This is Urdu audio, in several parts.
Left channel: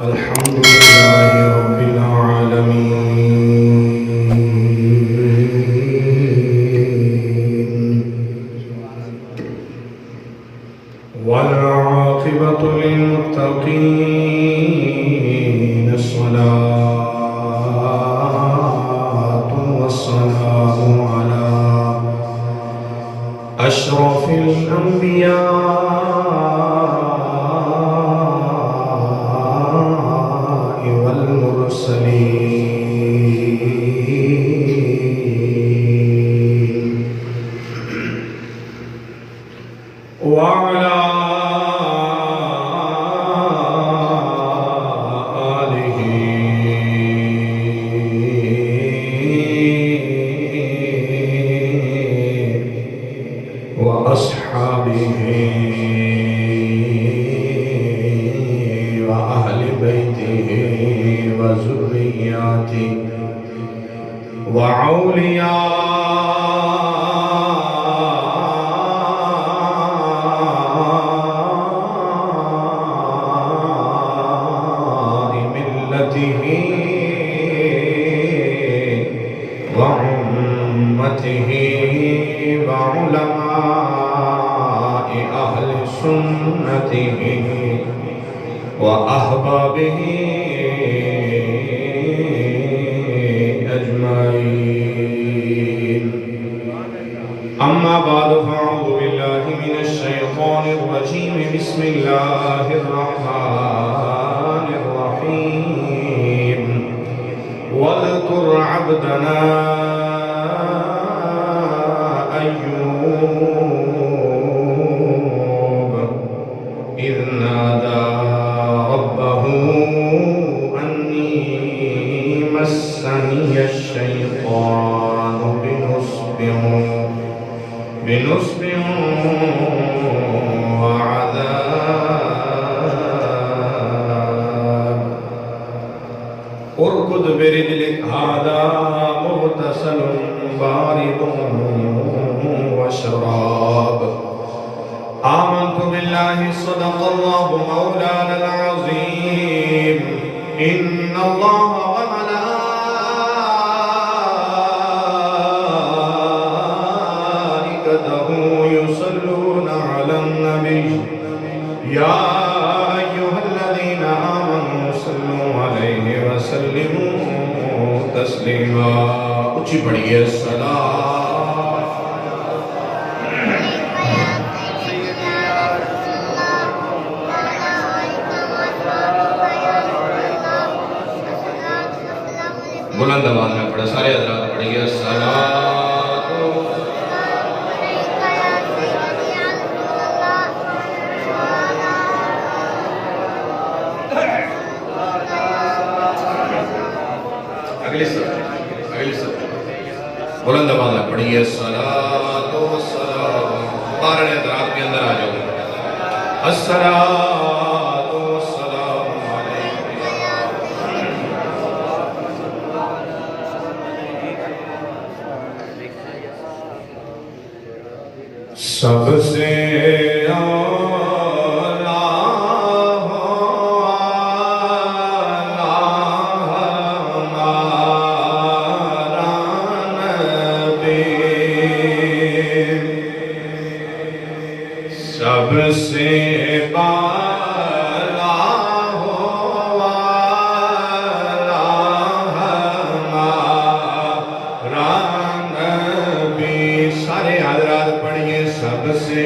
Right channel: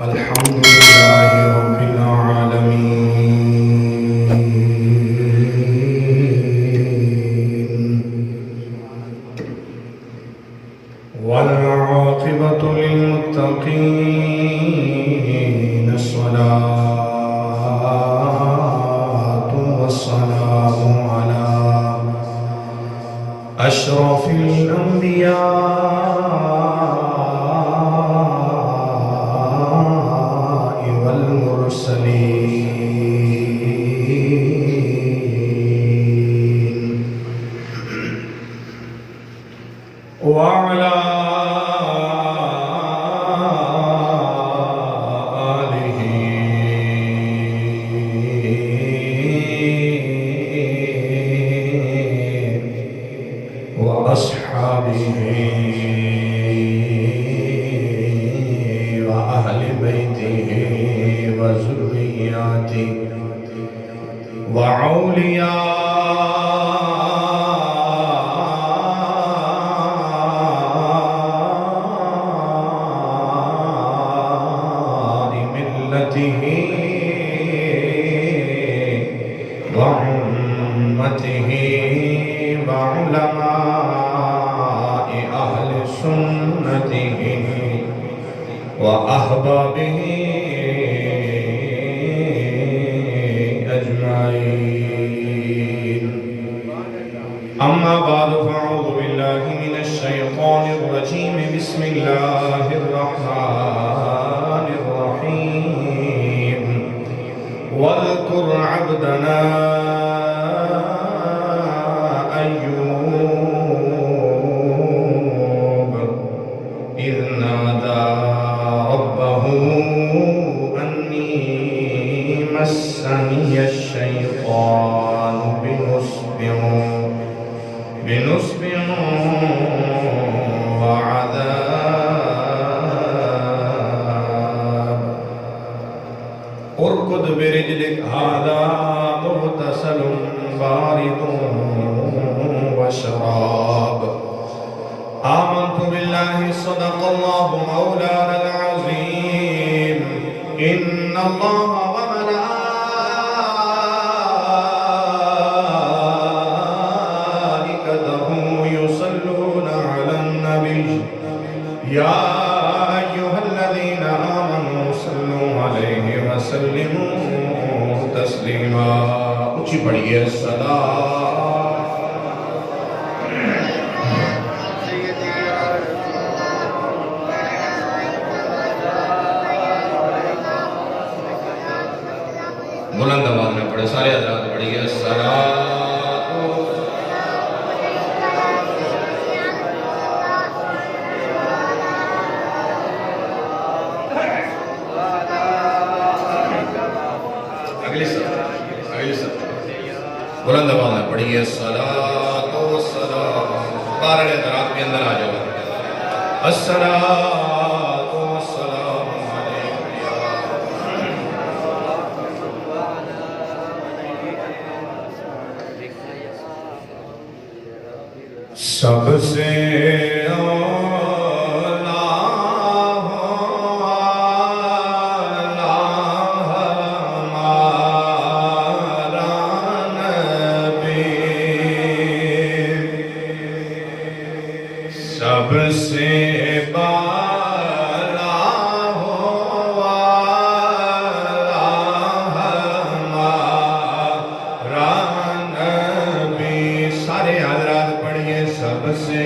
الحمد لله رب العالمين والعاقبة للمتقين الصلاة والسلام على أشرف الأنبياء والمرسلين وعلى آله وأصحابه وأهل بيته وذرياته وأولياء ملته وأمته وعلماء أهل سنته وأحبابه أجمعين. أما بعد فأعوذ بالله من الشيطان الرجيم. بسم الله الرحمن الرحيم. واذكر عبدنا أيوب إذ نادى ربه أني مسني الشيطان بنصب وعذاب. اركض برجلك هذا مغتسل بارد وشراب. آمنت بالله صدق الله مولانا العظيم. إن الله وملائكته يصلون على النبي يا أيها الذين آمنوا صلوا عليه وسلموا تسليما. اونچی پڑھیے الصلاۃ. بلند آواز میں پڑھے سارے حضرات پڑھیے الصلاۃ. اگلی سب بلند آواز میں پڑھیے الصلاۃ والسلام. بارہ حضرات کے اندر آ جاؤ. الصلاۃ والسلام علیکم. سب سے سب سے بالا ہمارا نبی. سارے حضرات پڑھیے سب سے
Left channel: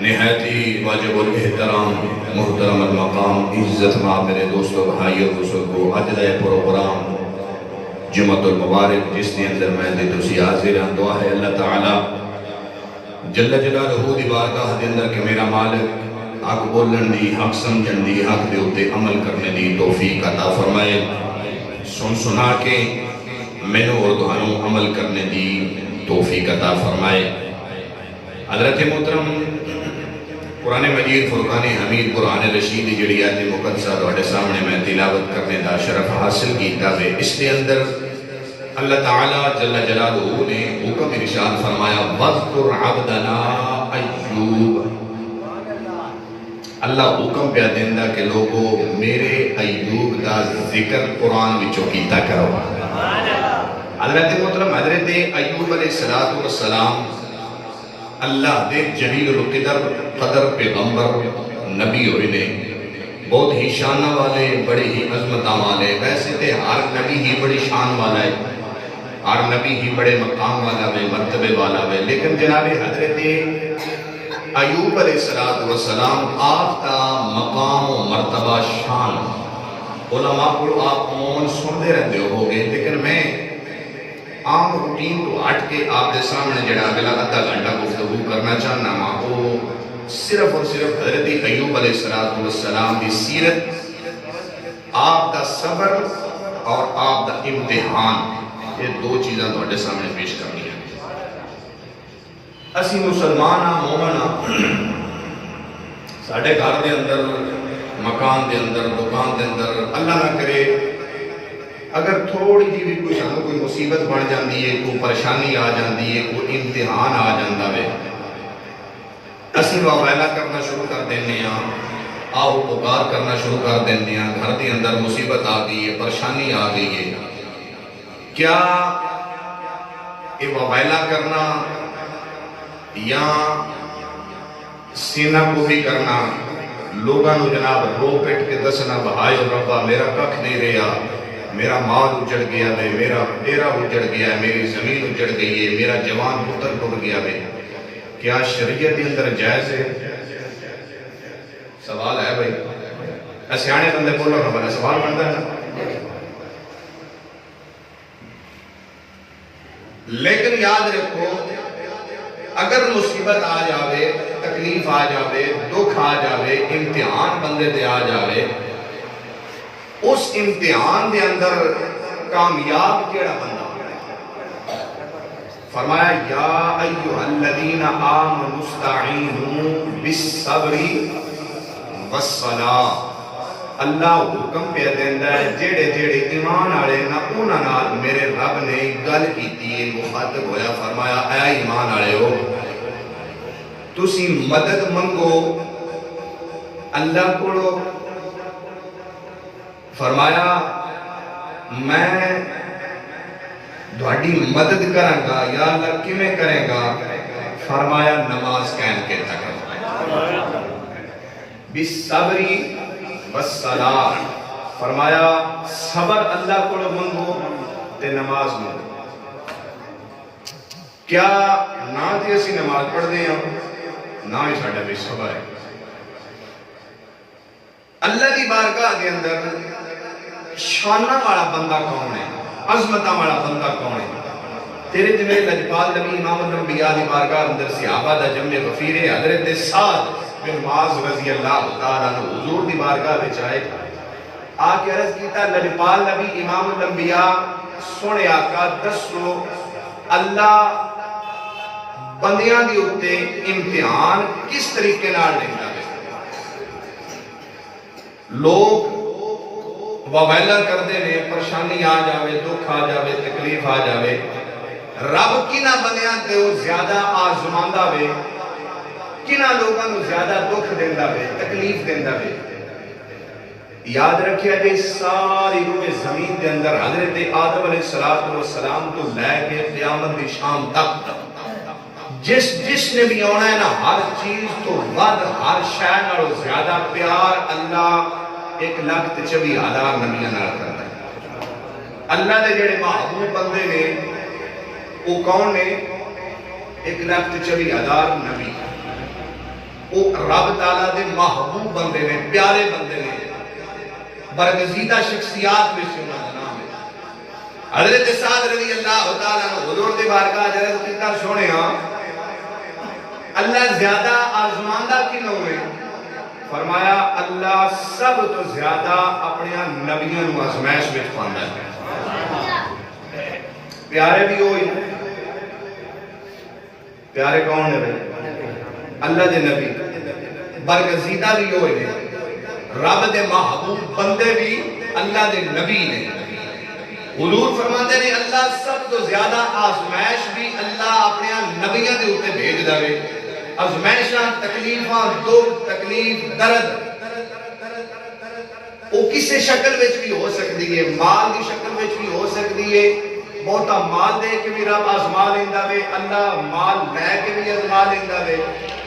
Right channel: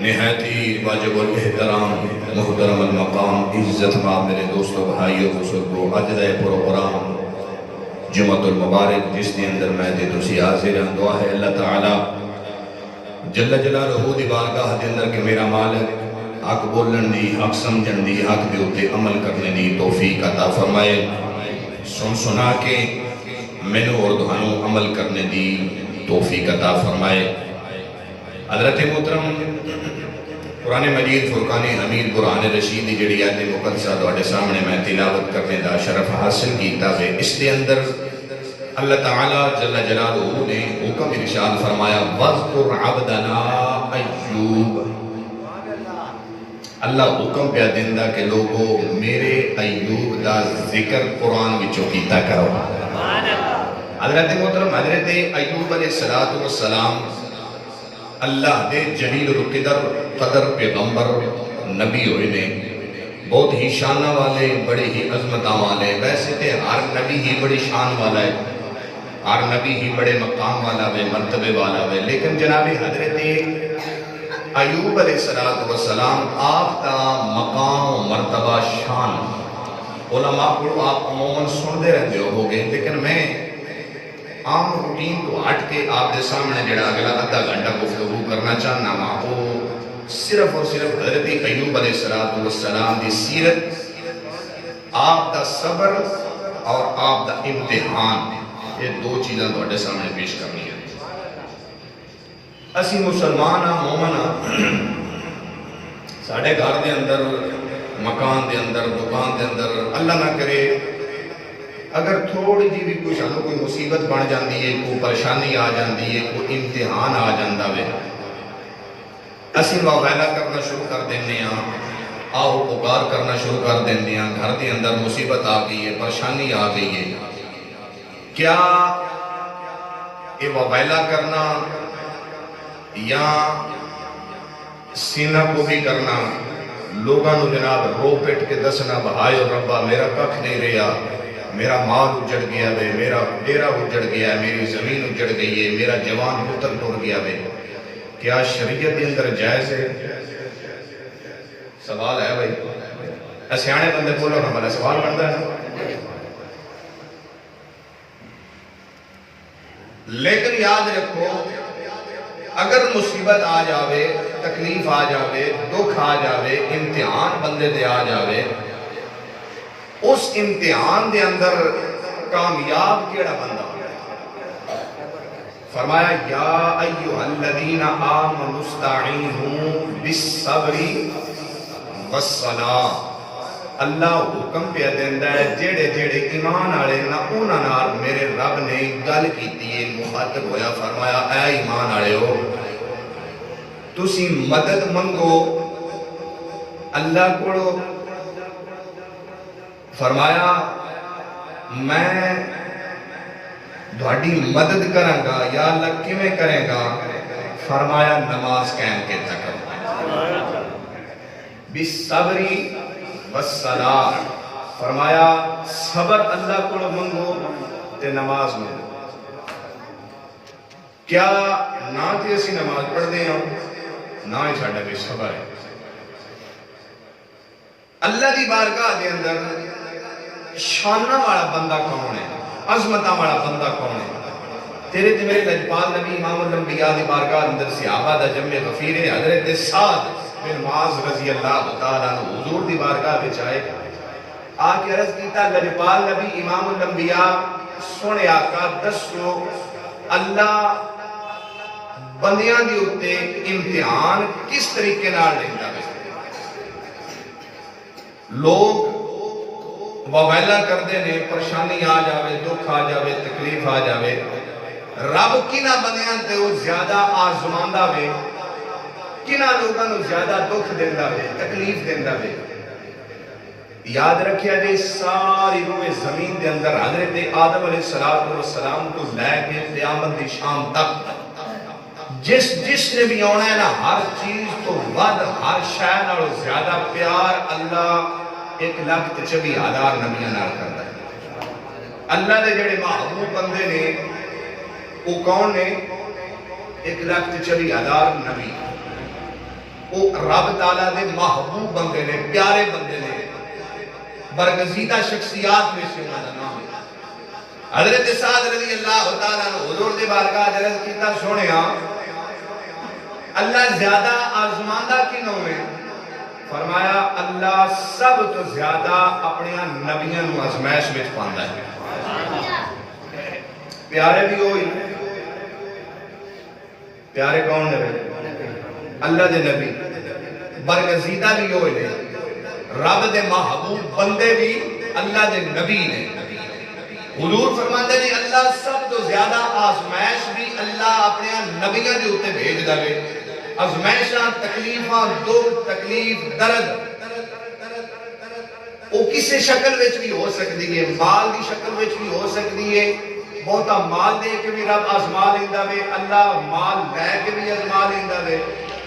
نہایت ہی واجب الاحترام محترم المقام عزت ماں میرے دوستو بھائیو بزرگو اجزائے پروگرام جمعۃ المبارک جس نے اندر میں دے تسی حاضر ہیں دعا ہے اللہ تعالی جل جلالہ دی بارگاہ دے اندر کہ میرا مالک حق بولن دی حق سمجھن دی حق دے اوتے عمل کرنے دی توفیق عطا فرمائے سن سنا کے مینوں اور تہانوں عمل کرنے دی توفیق عطا فرمائے حضرت محترم قرآن مجید فرقان حمید قرآن رشید جڑی آیت مقدسہ تواڈے سامنے میں تلاوت کرنے دا شرف حاصل کیتا ہے اس کے اندر اللہ تعالیٰ جل جلالہ نے حکم ارشاد فرمایا وَاذْكُرْ عَبْدَنَا ایوب اللہ حکم پہ دیندا کہ لوگو میرے ایوب دا ذکر قرآن وچوں کیتا کرو حضرت محترم حضرت ایوب علیہ السلام اللہ دے جلیل القدر قدر پیغمبر نبی ہوئے نے بہت ہی شانہ والے بڑے ہی عظمتہ والے ویسے تے ہر نبی ہی بڑی شان والا ہے ہر نبی ہی بڑے مقام والا ہے مرتبے والا ہے لیکن جناب حضرت ایوب علیہ السلام آپ کا مقام و مرتبہ شان علماء کو آپ عموماً سنتے رہتے ہو گے لیکن میں عام روٹین کو ہٹ کے آپ دے سامنے جڑا اگلا آدھا گھنٹہ گفتگو کرنا چاہنا ہوں وہ صرف اور صرف حضرت ایوب علیہ السلام دی سیرت آپ دا صبر اور آپ دا امتحان یہ دو چیزاں تواڈے سامنے پیش کرنی ہے اسی مسلمان ہاں مومن ہاں ساڈے گھر دے اندر مکان دے اندر دکان دے اندر اللہ نہ کرے اگر تھوڑی جی بھی کوئی سانو کوئی مصیبت بن جاندی ہے کوئی پریشانی آ جاندی ہے کوئی امتحان آ جاندا ہے اسی واویلا کرنا شروع کر دینے ہاں آؤ پکار کرنا شروع کر دینے ہاں گھر دے اندر مصیبت آ گئی ہے پریشانی آ گئی ہے کیا یہ واویلا کرنا یا سینہ کو بھی کرنا لوگاں نو جناب رو پٹ کے دسنا بھائیو ربا میرا ککھ نہیں رہا میرا مال اجڑ گیا ہے میرا ڈیرا اجڑ گیا ہے میری زمین اجڑ گئی ہے میرا جوان پتر ٹوٹ گیا ہے کیا شریعت کے اندر جائز ہے سوال ہے بھائی سیانے بندے بولو نا بڑا سوال بنتا ہے نا لیکن یاد رکھو اگر مصیبت آ جاوے تکلیف آ جاوے دکھ آ جاوے امتحان بندے دے آ جاوے اس امتحان دے اندر کامیاب کیڑا بندہ فرمایا یا ایھا الذین آمنوا استعینوا بالصبر والصلاۃ اللہ حکم پہ دیندا ہے جڑے جڑے ایمان والے نا انہاں نال میرے رب نے گل کیتی ہے مخاطب ہویا فرمایا اے ایمان والےو تسی مدد منگو اللہ کو فرمایا میں دھاڑی مدد کروں گا یا اللہ کیویں کرے گا فرمایا نماز قائم کے تک بالصبر والصلاۃ فرمایا صبر اللہ کو منگو تے نماز منگو کیا نہ تے اسی نماز پڑھ دے ہاں نہ ہی ساڈا بھی صبر ہے اللہ دی بارگاہ دے اندر شانہ والا بندہ کون ہے عظمتہ والا بندہ کون ہے تیرے تے میرے لجپال نبی امام الانبیاء دی بارگاہ اندر صحابہ دا جمع غفیر حضرت سعد بن معاذ رضی اللہ تعالیٰ عنہ حضور دی بارگاہ وچ آئے آ کے عرض کیتا لجپال نبی امام الانبیاء سونے آقا دسو اللہ بندیاں دی اوتے امتحان کس طریقے نال لیندا ہے لوگ واویلا کردے نے پریشانی آ جاوے دکھ آ جاوے تکلیف آ جاوے رب کنہ بندیاں تے وہ زیادہ آزماندا وے کنہ لوگاں نو زیادہ دکھ دیندا وے تکلیف دیندا وے یاد رکھیا جے ساری روئے زمین دے اندر حضرت آدم علیہ السلام کو لے کے قیامت دی شام تک جس نے بھی آنا ہے نا ہر چیز تو ود ہر شے نالوں زیادہ پیار اللہ 1,40,000 نبیاں نال کردا ہے اللہ دے جڑے محبوب بندے نے وہ کون نے 1,40,000 نبی وہ رب تعالیٰ دے محبوب بندے نے، پیارے بندے نے، برگزیدہ شخصیات میں سے انہوں کا نام ہے۔ حضرت سعد رضی اللہ تعالیٰ عنہ حضور دی بارگاہ عرض کیتا سونے ہاں اللہ زیادہ آزماندہ کیوں ہے؟ فرمایا اللہ سب تو زیادہ اپنے نبیوں نو آزمائش وچ پاندا ہے۔ پیارے بھی ہوئی، پیارے کون نے؟ اللہ دے نبی، برگزیدہ بھی ہوئے نے، رب دے محبوب بندے بھی اللہ دے نبی نے۔ حضور فرماتے نے اللہ سب تو زیادہ آزمائش بھی اللہ اپنے نبیوں دے اوتے بھیج دے۔ آزمائشاں، تکلیفاں، دکھ، تکلیف، درد وہ کسی شکل وچ بھی ہو سکتی ہے، مال دی شکل وچ بھی ہو سکتی ہے، بہتا مال دے کے بھی رب آزما لیندا وے، اللہ مال لے کے بھی آزما لیندا وے،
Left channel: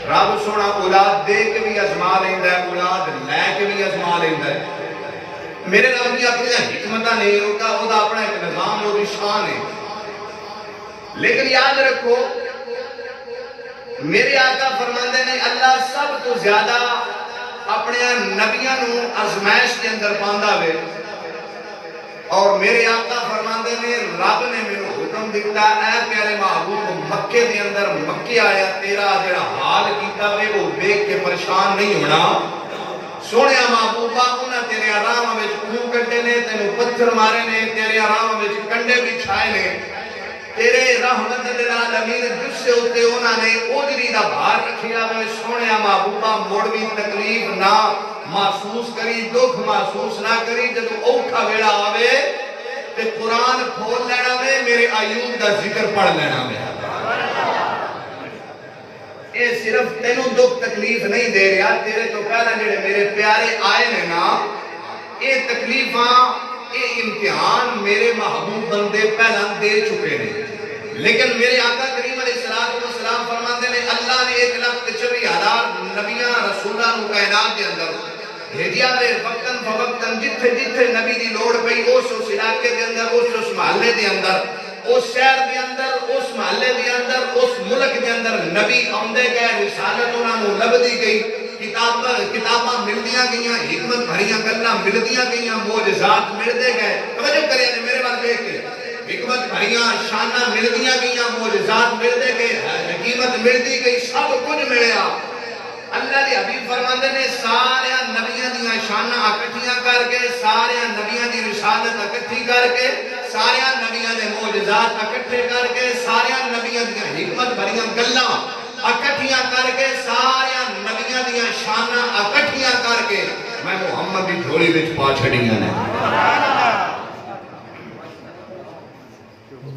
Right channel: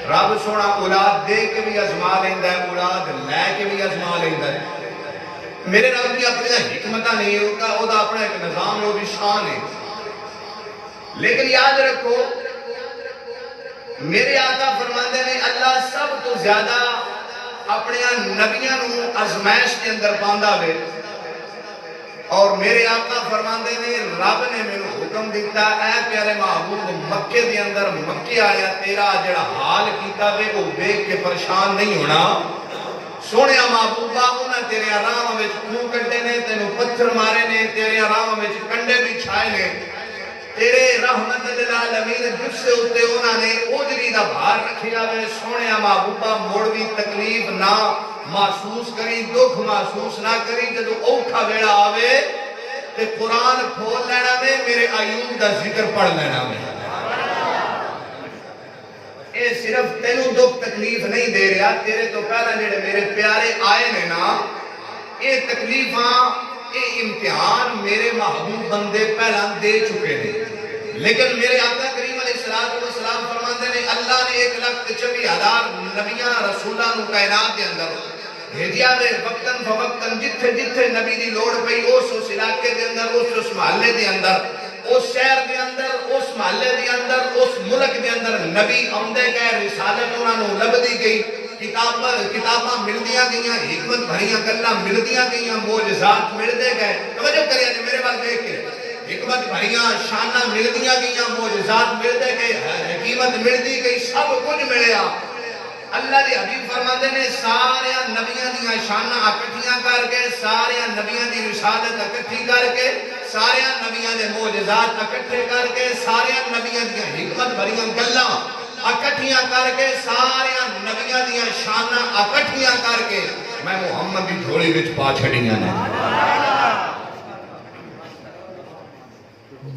رب سونا اولاد دے کے بھی آزما لیندا ہے، اولاد لے کے بھی آزما لیندا ہے۔ میرے رب کی اپنی حکمت نہیں ہوتا، وہ اپنا ایک نظام، وہ شان ہے۔ لیکن یاد رکھو میرے آقا فرماندے نے اللہ سب تو زیادہ اپنے نبیوں نو آزمائش کے اندر پاندا وے، اور میرے آقا فرماندے نے رب نے میرے حکم دیتا اے پیارے محبوب مکے دے اندر مکے آیا تیرا جڑا حال کیتا وے وہ دیکھ کے پریشان نہیں ہونا۔ سونے محبوبہ انہاں تیرے آرام وچ خون کٹے نے، تینوں پتھر مارے نے، تیرے آرام وچ کنڈے بچھائے نے، تیرے رحمت للعالمین جس سے ہوتے انہاں نے اوجری دا بھار رکھیا وے۔ سونے محبوبہ موڑوی تکلیف نہ محسوس کری، دکھ محسوس نہ کری، جب اوکھا ویڑا آوے تے قرآن کھول لینا وے، میرے ایوب دا ذکر پڑھ لینا وے۔ اے صرف تینوں دکھ تکلیف نہیں دے رہا، تیرے تو پہلا جڑے میرے پیارے آئے نے نا، اے تکلیفاں، اے امتحان میرے محبوب بندے پہلا دے چکے نے۔ لیکن میرے آقا کریم علیہ السلام فرماتے نے اللہ نے 1,40,000 نبیاں رسولہ نو کائنات کے اندر بھیجیا دے، وقتاً فوقتاً جتھے جتھے نبی دی لوڑ پئی اس علاقے دے اندر، اس محلے دے اندر، اس شہر دے اندر، اس محلے دے اندر، اس ملک دے اندر نبی آمدے گئے، رسالت انہاں نو لبدی گئی، کتاباں ملدیاں گئیاں، حکمت بھریاں گلاں ملدیاں گئیاں، معجزات ملدے گئے۔ توجہ کریں جی میرے بات دیکھ کے، حکمت بھریاں شاناں ملدیاں گئیاں، معجزات ملدے گئے، حکمت ملدی گئی، سب کچھ ملیا۔ اللہ دے حبیب فرماندے نے سارے نبیاں دیاں شاناں اکٹھیاں کر کے، سارے نبیاں دی رسالت اکٹھی کر کے، سارے نبیاں دے معجزات اکٹھے کر کے، سارے نبیاں دیاں حکمت بھریاں گلاں اکٹھیاں کر کے، سارے نبیاں دیاں شاناں اکٹھیاں کر کے میں محمد دی جھولی وچ پا چھڑیاں نے۔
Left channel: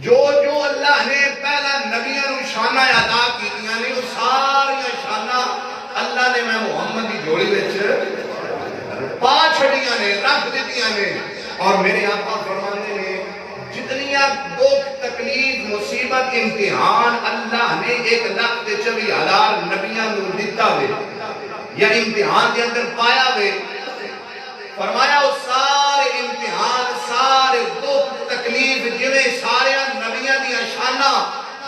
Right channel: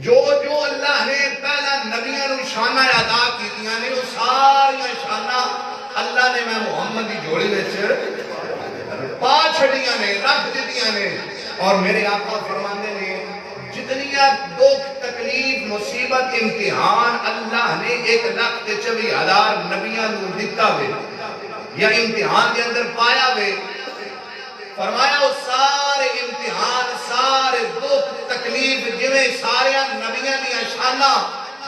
جو جو اللہ نے پہلا نبیاں نو شاناں عطا کیتیاں نے، وہ ساری شاناں اللہ نے میں محمد دی جھولی وچ پا چھڑیاں نے، رکھ دتیاں نے۔ اور میرے آقا فرماندے نے جتنیاں دکھ تکلیف مصیبت امتحان اللہ نے 1,40,000 نبیاں نو دتا ہوئے یا امتحان کے اندر پایا ہوئے، فرمایا وہ سارے امتحان، سارے دکھ تکلیف جویں سارے نبیاں دی شاناں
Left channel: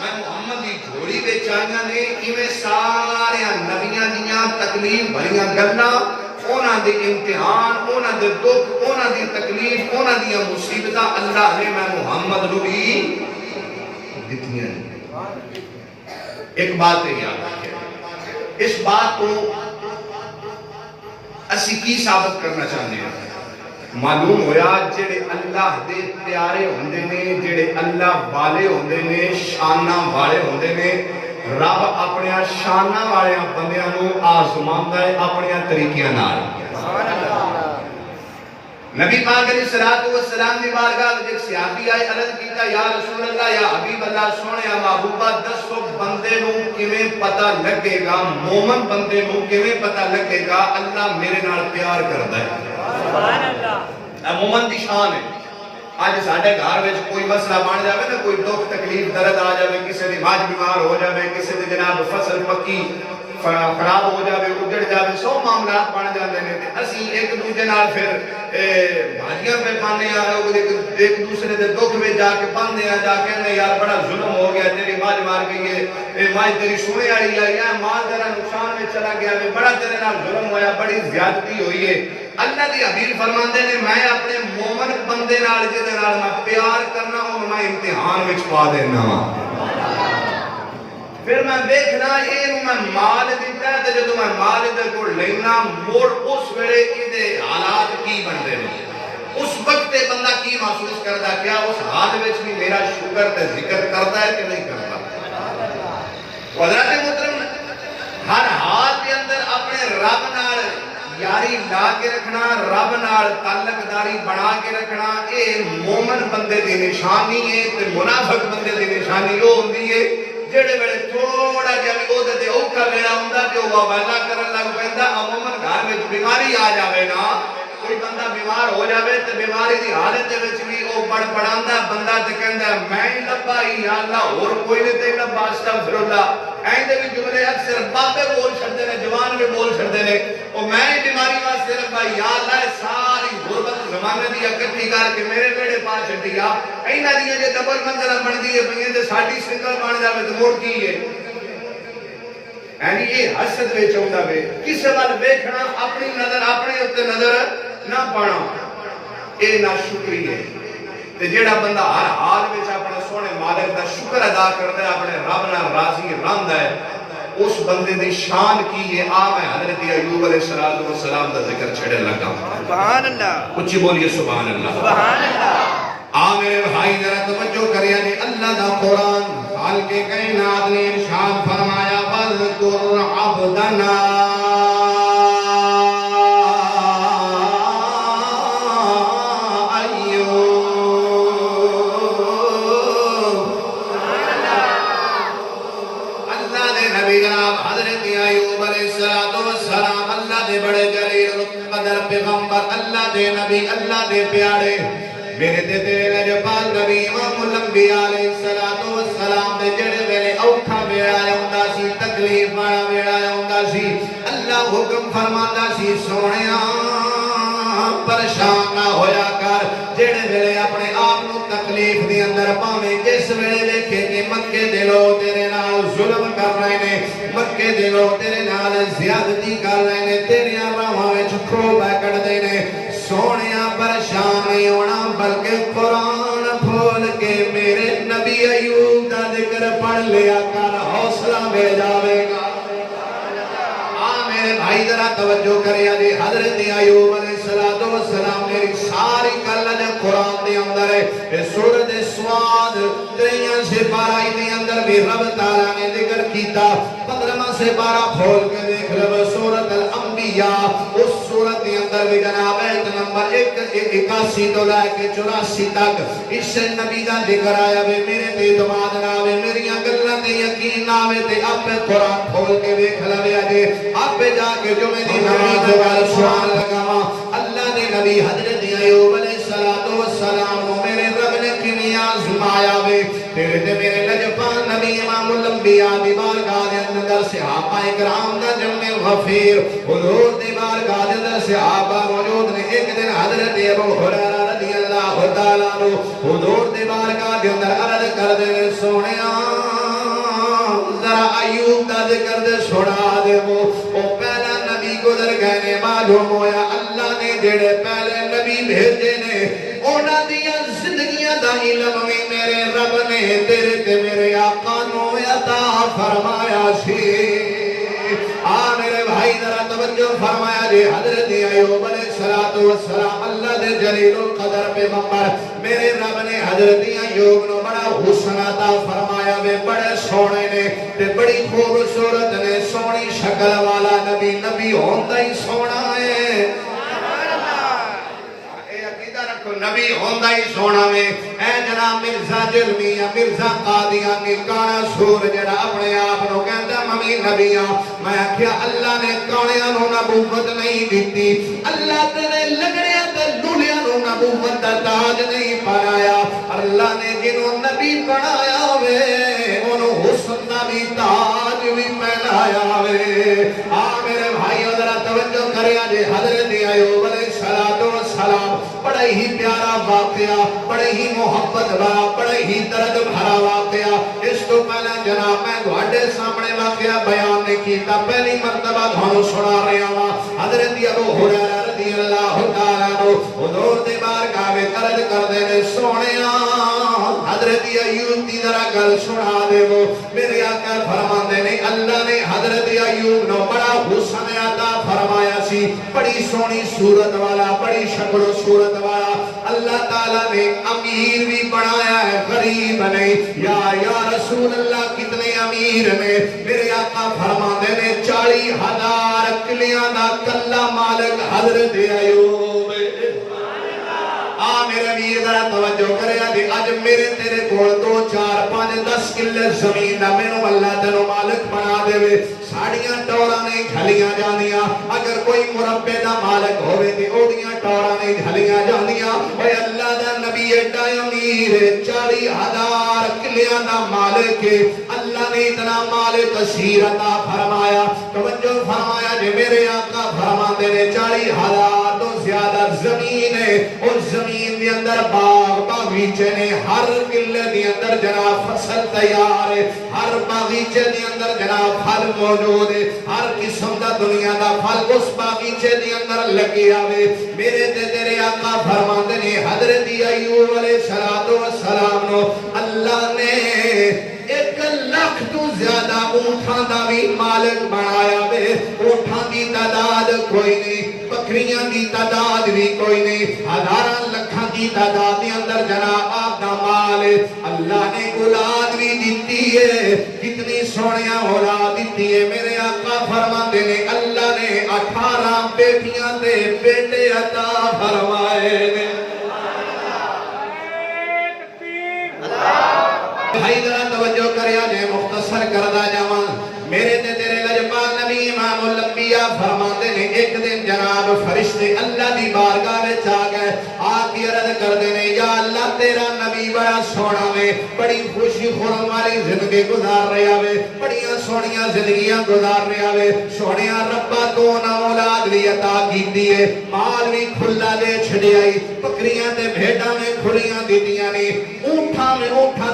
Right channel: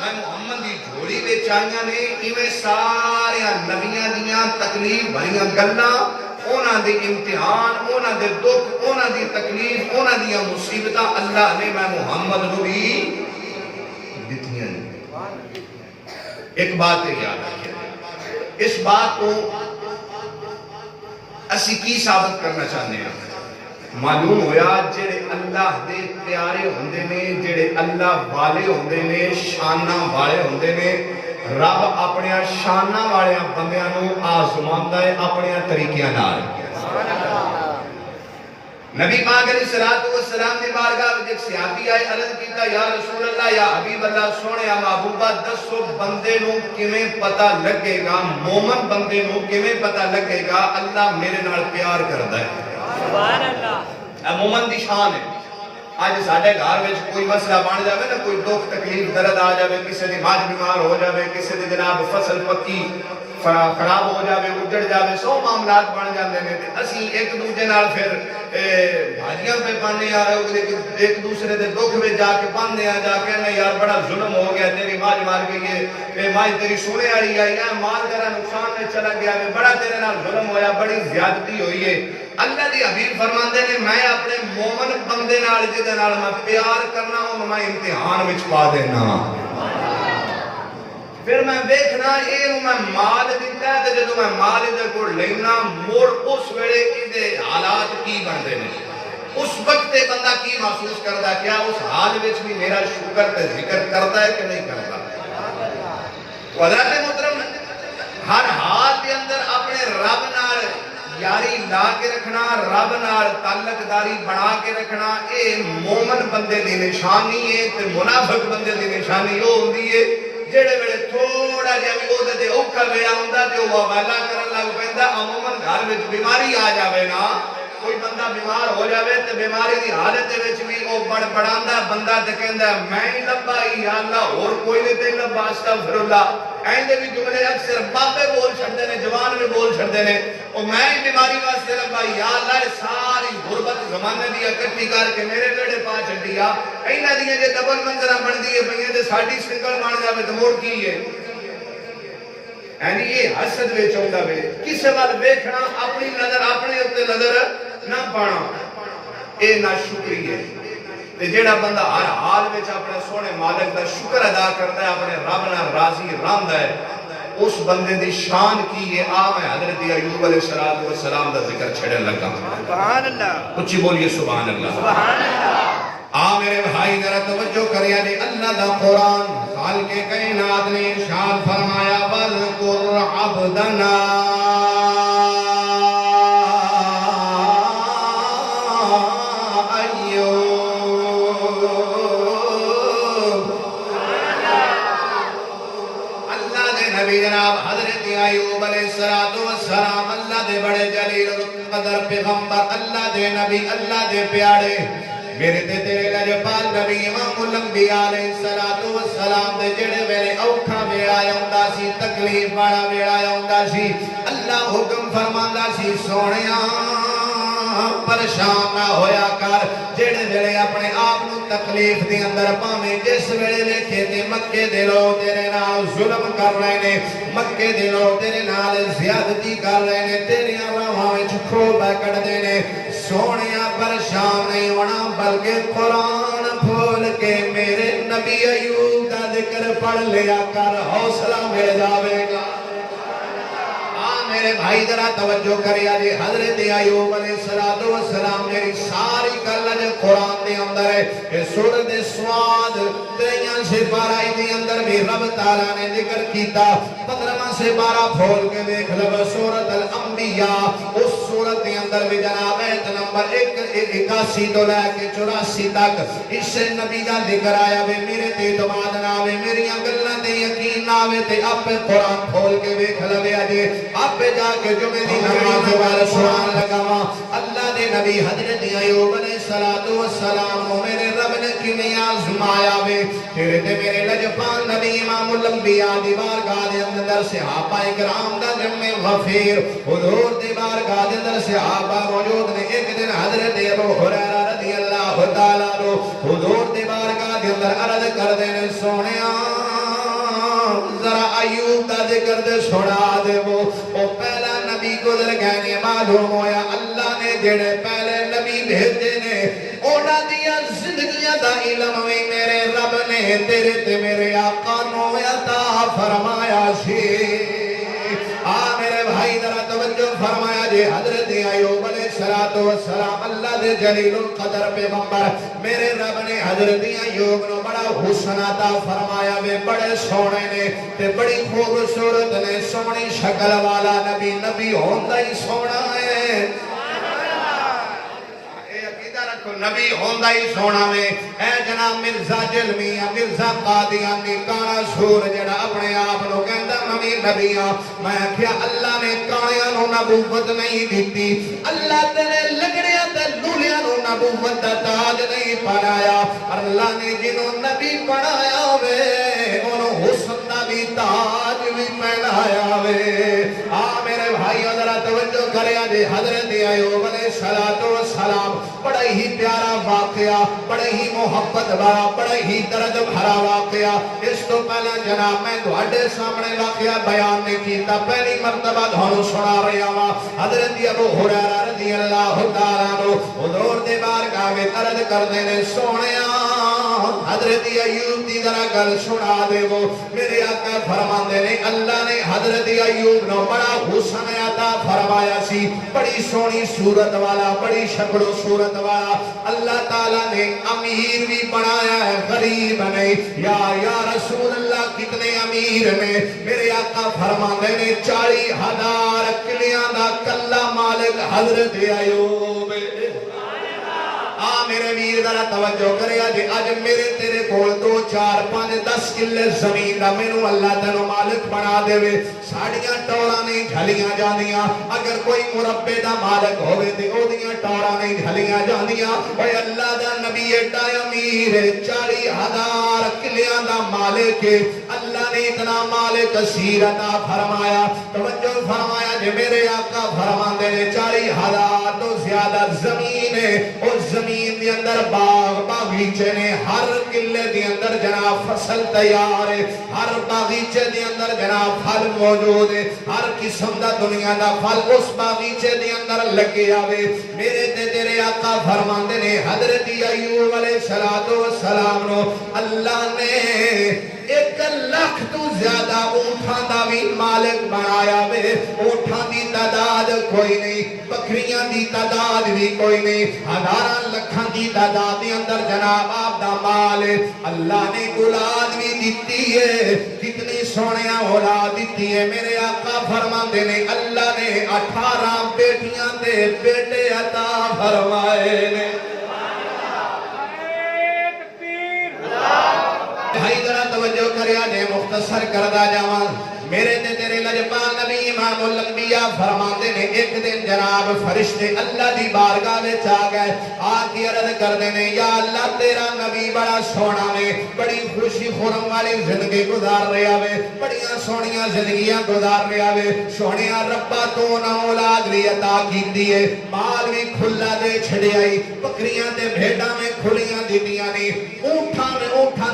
میں محمد دی جھولی دے چاہیاں نے، ایویں سارے نبیاں دیاں تکلیف بھریاں گلاں، اونا دے امتحان، اونا دے دکھ، اونا دی تکلیف، اونا دی مصیبتہ اللہ نے میں محمد نو بھی دتیاں نے۔ ایک بات ہے یاد رکھیں، اس بات کو اسی کی ثابت کرنا چاہتے ہیں؟ معلوم ہویا جڑے اللہ دے پیارے ہوندے نے، جڑے اللہ والے ہوندے نے، شاناں والے ہوندے نے، رب اپنے شاناں والے بندیاں نو آزماندا ہے اپنے طریقیاں نال۔ نبی پاک علیہ السلام دی بارگاہ وچ ایک صحابی آئے، عرض کیتا یا رسول اللہ یا حبیب اللہ سونے محبوبہ دسو بندے نو کیویں پتہ لگے گا، مومن بندے نو کیویں پتہ لگے گا اللہ میرے نال پیار کردا ہے؟ سبحان اللہ۔ مومن دی شان ہے۔ آج ساڈے گھر وچ کوئی مسئلہ بن جاوے نا، کوئی دکھ تکلیف درد آ جاوے، کسی دی ماں بیمار ہو جاوے، کسی دی جناب فصل پکی، خراب ہو جاوے اجڑ جاوے 100 معاملات بن جاندے نے تے اسی ایک دوسرے نال پھر بھاجیاں پہ پانے آ ایک دوسرے دے دکھ میں جا کے پانے آ جا کے نا یار بڑا ظلم ہو گیا تیری ماج مار گئی ہے ماج تیری سونے والی آئی ہے مال تیرا نقصان میں چلا گیا ہے بڑا تیرے نال ظلم ہویا بڑی زیادتی ہوئی ہے اللہ دی حبیب فرماندے نے میں اپنے مومن بندے نال جدے نال میں پیار کرنا ہوں میں امتحان وچ پا دینا پھر میں دیکھنا یہ میں مال دیتا ہے جدو میں مال ادھر کو لینا موڑ اس ویلے ادھے حالات کی بندے نہیں اس وقت بندہ کی محسوس کرتا کیا اس حال وچ بھی میرا شکر تے ذکر کرتا ہے کہ نہیں کرتا حضرات محترم ہر حال کے اندر اپنے رب نال یاری لا کے رکھنا رب نال تعلق داری بنا کے رکھنا اے مومن بندے دی نشانی ہے تے منافق بندے دی نشانی وہ ہوندی ہے جڑے ویلے تھوڑا جہا بھی وہ تے اوکھا ویلا ہوندا تے وہ والا کرن لگ پیندا عموماً گھر وچ بیماری آ جاوے نا کوئی بندہ بیمار ہو جاوے تے بیماری دی حالت دے وچ بھی او بڑبڑاندا بندہ تے کہندا میں ہی لبا یا اللہ اور کوئی نہیں تے لبا استغفر اللہ ایندے بھی جملے اکثر بابے بول چھڑدے نے جوان بھی بول چھڑدے نے او میں ہی بیماری واسطے لبا یا اللہ ساری غربت زمانے دی اکٹھی کر کے میرے بیڑے پا چھڈیا ایناں دی جے ڈبل منزلہ بندی ہے پئیاں تے ساڈی سنگل بن جاوے تے مڑ کی ہے یعنی یہ حسد وچ ہوندا وے کسے وال ویکھنا اپنی نظر اپنے اوتے نظر نہ پانا اے نا شکری ہے تے جڑا بندہ ہر حال وچ اپنے سونے مالک دا شکر ادا کردا ہے اپنے رب نال راضی رہندا ہے اس بندے دی شان کی ہے میں حضرت ایوب علیہ السلام دا ذکر چھڑے لگا سبحان اللہ اچھی بولیے سبحان اللہ سبحان اللہ میرے بھائی ذرا توجہ کریے جی اللہ دا قرآن خالق کائنات نے ارشاد فرمایا وذکر عبدنا اللہ دے پیارے میرے تے تیرے لجپال نبی امام الانبیاء علیہ السلام دے جڑے میرے اوکھا ویڑا ہوندا سی تکلیف والا ویڑا ہوندا سی اللہ حکم فرماندا سی سونیاں پریشان نہ ہویا کر جڑے ویلے اپنے آپ نو تکلیف دے اندر پاویں جس ویلے ویکھے تے مکے دے لوگ تیرے نال ظلم کر رہے نے مکے دے لوگ تیرے نال زیادتی کر رہے نے تیریاں راہاں وچ کھوبا کڈدے نے سونیا پریشان نہیں ہونا بلکہ قرآن پھول کے میرے نبی ایوب دا ذکر پڑھ لیا کر حوصلہ مل جاوے گا میرے بھائی ذرا توجہ کریا جی حضرت ایوب علیہ السلام میری ساری کلن قرآن دے اندر ہے سورت سواد تیئیاں سے بارہ دے اندر بھی رب تعالیٰ نے ذکر کیتا 15 سے 12 کھول کے دیکھ رب سورت الانبیاء اس سورت دے اندر بھی جناب نمبر 81 تو لے کے 84 تک اس سے نبی دا ذکر آیا وے میرے تے اعتماد نہ آوے میریاں گلاں تے یقین نہ آوے تے اپنے قرآن کھول کے ویکھ لوے اجے اپے جا کے جمعے دی نماز وال سبحان لگاواں اللہ دے نبی حضرت ایوب علیہ السلام میرے رب نے کیویں آزمایا وے تیرے تے میرے لجپال نبی امام الانبیاء دی بارگاہ دے اندر صحابہ کرام دا جمع غفیر حضور دی بارگاہ دے اندر صحابہ موجود نے ایک دن حضرت ابو ہریرہ رضی اللہ تعالی عنہ حضور دی بارگاہ دے اندر عرض کر دے سونیا ذرا ایوب دا ذکر دے سنا دے وہ پہلا نبی گزر گئے نے معلوم ہویا اللہ نے جڑے پہلے نبی بھیجے نے انہاں دیاں زندگیاں دا علم بھی میرے رب نے تیرے تے میرے آقا نو عطا فرمایا سی میرے بھائی ذرا توجہ فرمایا جی حضرت ایوب علیہ السلام اللہ دے جلیل القدر پیغمبر میرے رب نے حضرت ایوب نو بڑا حسن عطا فرمایا وے بڑے سونے نے تے بڑی خوبصورت نے سونی شکل والا نبی ہوندا ہی سونا ہے رکھو نبی ہوندا ہی سونا میں اے جناب مرزا جلمیہ مرزا قادیانی کانا سور جڑا اپنے آپ نو کہندا ممی نبیاں میں کیا اللہ نے کانیاں نو نبوت نہیں دیتی اللہ تیرے لگڑیاں تے لولیاں نو نبوت دا تاج نہیں پڑھایا اللہ نے جنوں نبی پڑھایا ہوئے انہوں حسن دا بھی تاج بھی پہنایا ہوئے جے حضرت ایوب علیہ السلام بڑا ہی پیارا واقعہ، بڑا ہی محبت والا، بڑا ہی درد بھرا واقعہ۔ اس کو پہلے جناب میں تواڈے سامنے واقعہ بیان نہیں کیتا، پہلی مرتبہ تھانوں سنا رہا ہاں۔ حضرت ابو ہریرہ رضی اللہ تعالیٰ عنہ حضور دے بارگاہ وچ عرض کردے نے سونیا حضرت ایوب دی ذرا گل سنا دے وہ۔ میرے آقا فرماندے نے اللہ نے حضرت ایوب نو بڑا حسن عطا فرمایا سی، بڑی سونی صورت والا، بڑی شکل و صورت والا۔ اللہ تعالیٰ نے امیر بھی بنایا ہے، غریب نہیں۔ یا رسول اللہ کتنے امیر نے؟ میرے آقا فرماندے نے 40,000 کلیاں دا کلا مالک حضرت ایوب۔ میرے امیر ذرا توجہ کرے جی، اج میرے تیرے کول 2 4 5 10 کلے زمین دا مینوں اللہ تینوں مالک بنا دے، ساڑیاں ٹوراں نہیں جھلیاں جانیاں۔ اگر کوئی مربے دا مالک ہوے تے اودیاں ٹوراں نہیں جھلیاں جانیاں۔ اے اللہ دا نبی ایڈا امیر 40,000 کلیاں دا مالک، اللہ نے اتنا مال کثیر عطا فرمایا۔ توجہ فرمایا جی، میرے آقا فرماندے نے 40,000 تو زیادہ زمین ہے، اور زمین دے اندر باغ باغیچے نے، ہر قلعے دے اندر جناب فصل تیار ہے، ہر باغیچے دے اندر جناب پھل موجود ہے، ہر قسم دا دنیا دا پھل اس باغیچے دے اندر لگے آوے۔ میرے تے تیرے آقا فرماندے نے حضرت ایوب علیہ السلام نو اللہ نے 1 لاکھ تو زیادہ اونٹاں دا بھی مالک بنایا وے۔ اونٹاں دی تعداد کوئی نہیں، بکریاں دی تعداد بھی کوئی نہیں، ہزاراں لکھاں دی تعداد دے اندر جناب آپ دا مال ہے۔ اللہ نے اولاد بھی دیتی ہے، کتنی سونیاں اولاد دیتی ہے۔ میرے آقا فرماندے نے اللہ نے 18 بیٹیاں تے بیٹے عطا فرمائے نے۔ بھائی ذرا توجہ کریا جے، مختصر کردا جاواں۔ میرے تے تیرے لجپال نبی امام الانبیاء فرماندے نے ایک دن جناب فرشتے اللہ دی بارگاہ وچ آ گئے، آ کے عرض کردے نے یا اللہ تیرا نبی بڑا سونا وے، بڑی خوشی خرم والی زندگی گزار رہا وے، بڑیاں سونیاں زندگیاں گزار رہا وے، سونیا ربا تو نہ اولاد لی عطا کیتی ہے، مال بھی کھلا دے چھڑیائی، بکریاں تے بھیڈاں میں کھلیاں دیتیاں نے، اونٹاں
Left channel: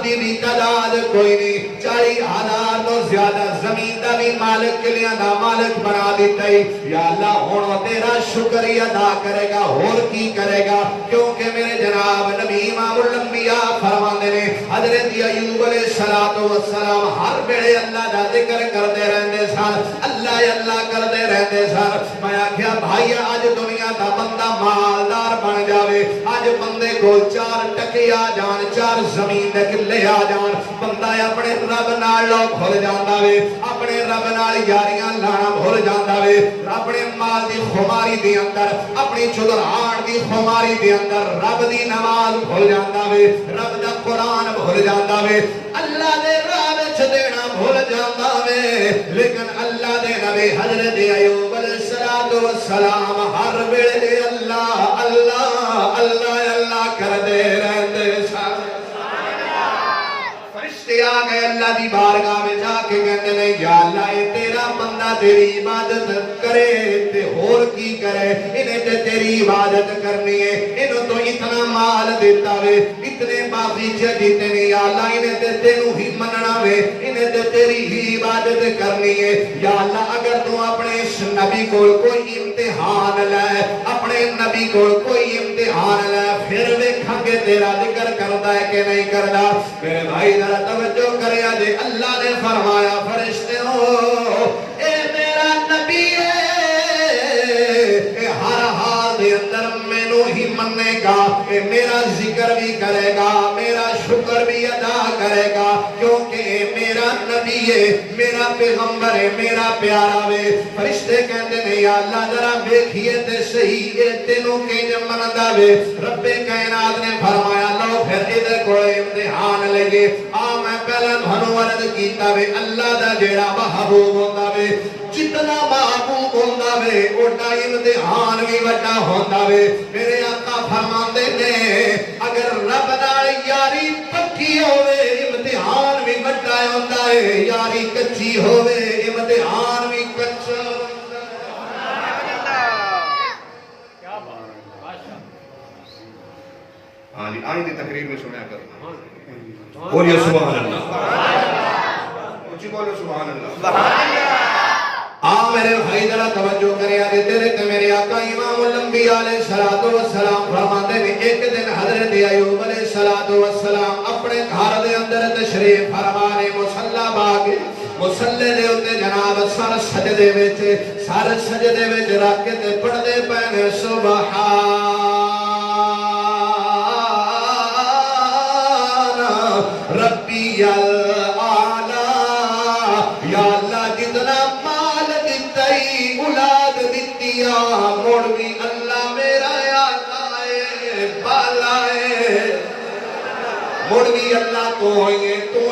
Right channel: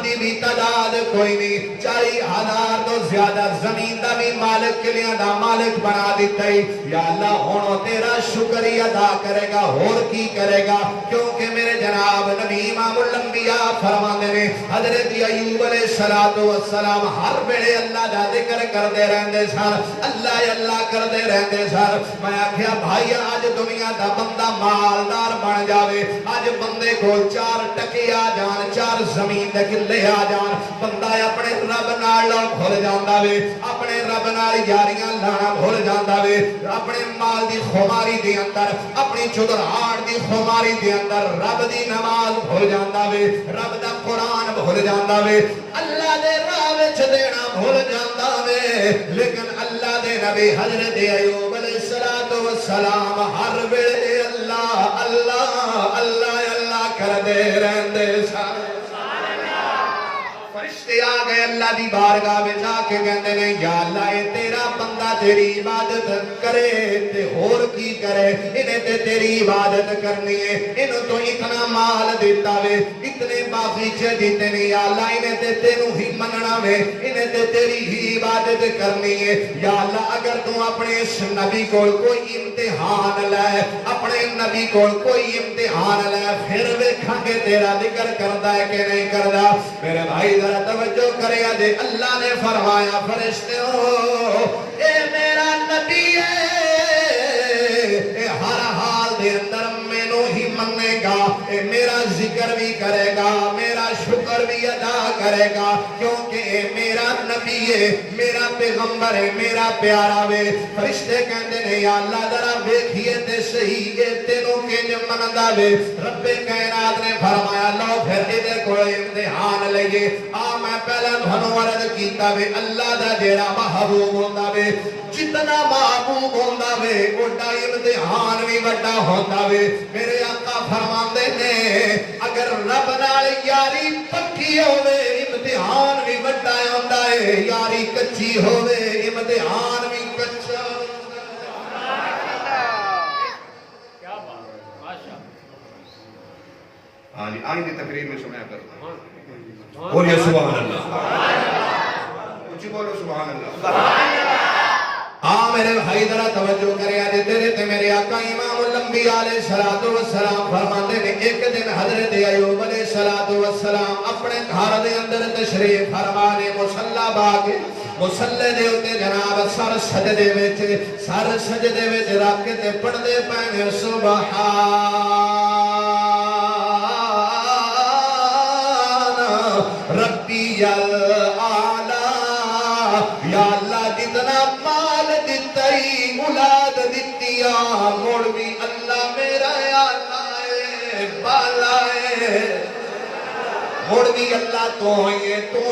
دی بھی تعداد کوئی نہیں، 40,000 تو زیادہ زمین دا بھی مالک کلیاں دا مالک بنا دیتا ہے۔ یا اللہ ہونو تیرا شکریہ ادا کرے گا، اور کی کرے گا؟ کیونکہ میرے جناب نبی امام الانبیاء فرماندے نے حضرت ایوب علیہ السلام ہر ویلے اللہ دا ذکر کردے رہندے سن، اللہ کردے رہندے سن۔ میں آکھیا بھائی اج دنیا دا بندہ مالدار بن جاوے، اج بندے کو 4 ٹکے آ جان، 4 زمین دے کلے آ جان، بندہ اپنے رب نال لو بھول جاندا وے، اپنے رب نال یاریاں لانا بھول جاندا وے، اپنے مال دی خماری دے اندر، اپنی چودراہٹ دی خماری دے اندر رب دی نماز بھول جاندا وے، رب دا قرآن بھول جاندا وے، اللہ دے راہ وچ دینا بھول جاندا وے۔ لیکن اللہ دے نبی حضرت ایوب علیہ السلام ہر ویلے اللہ کردے رہندے سن۔ فرشتے آ گئے اللہ دی بارگاہ میں جا کے کہتے ہیں یا اللہ اے تیرا بندہ تیری عبادت کرے تے اور کی کرے، انہیں تے تیری عبادت کرنی ہے، انہوں تو اتنا مال دیتا وے، اتنے باغیچے دیتے نہیں، یا اللہ انہیں تے تینوں ہی مننا وے، انہیں تے تیری ہی عبادت کرنی ہے۔ یا اللہ اگر تو اپنے اس نبی کو کوئی امتحان لے، اپنے نبی کو کوئی امتحان لے، پھر ویکھاں گے تیرا ذکر کردا ہے کہ نہیں کردا۔ میرے بھائی ذرا توجہ کرے جے، اللہ نے فرمایا فرشتوں اے میرا نبی ہے، اے ہر حال دے اندر مینوں ہی منے گا، اے میرا ذکر بھی کرے گا، میرا شکر بھی ادا کرے گا، کیونکہ اے میرا نبی ہے، میرا پیغمبر ہے، میرا پیارا وے۔ فرشتے کہتے ہیں یا اللہ ذرا دیکھیے تے صحیح اے تینوں کنج مندا وے۔ رب کائنات نے فرمایا لو پھر ادھر کوئی امتحان لگے، میں پہلا دھنو عرض کیتا وے اللہ دا جیڑا محبوب ہوندا وے، جتنا محبوب ہوندا وے اوڈا امتحان بھی وڈا ہوندا وے۔ میرے آقا فرماندے نے اگر رب نال یاری پکی ہوے امتحان بھی وڈا ہوندا ہے، یاری کچی ہوے امتحان بھی کچا ہوندا ہے۔ پانی کی تقریر میں سنیا کرو بولیے سبحان اللہ اچھی بولو سبحان اللہ میرے بھائی ذرا توجہ کرے آج تیرے تے میرے آقا امام الانبیاء علیہ السلام فرماتے ہیں ایک دن حضرت ایوب علیہ السلام اپنے گھر دے اندر تشریف فرمانے مصلی باغ مصلی دے اوتے جناب سر سجدے وچ رکھ کے تے پڑھدے پے سبحان ربی الاعلی یا اللہ جتنا مال دتائی اولاد دتیا موڑ بھی اللہ میرا آلہ ہے بالا ہے موڑ بھی اللہ تو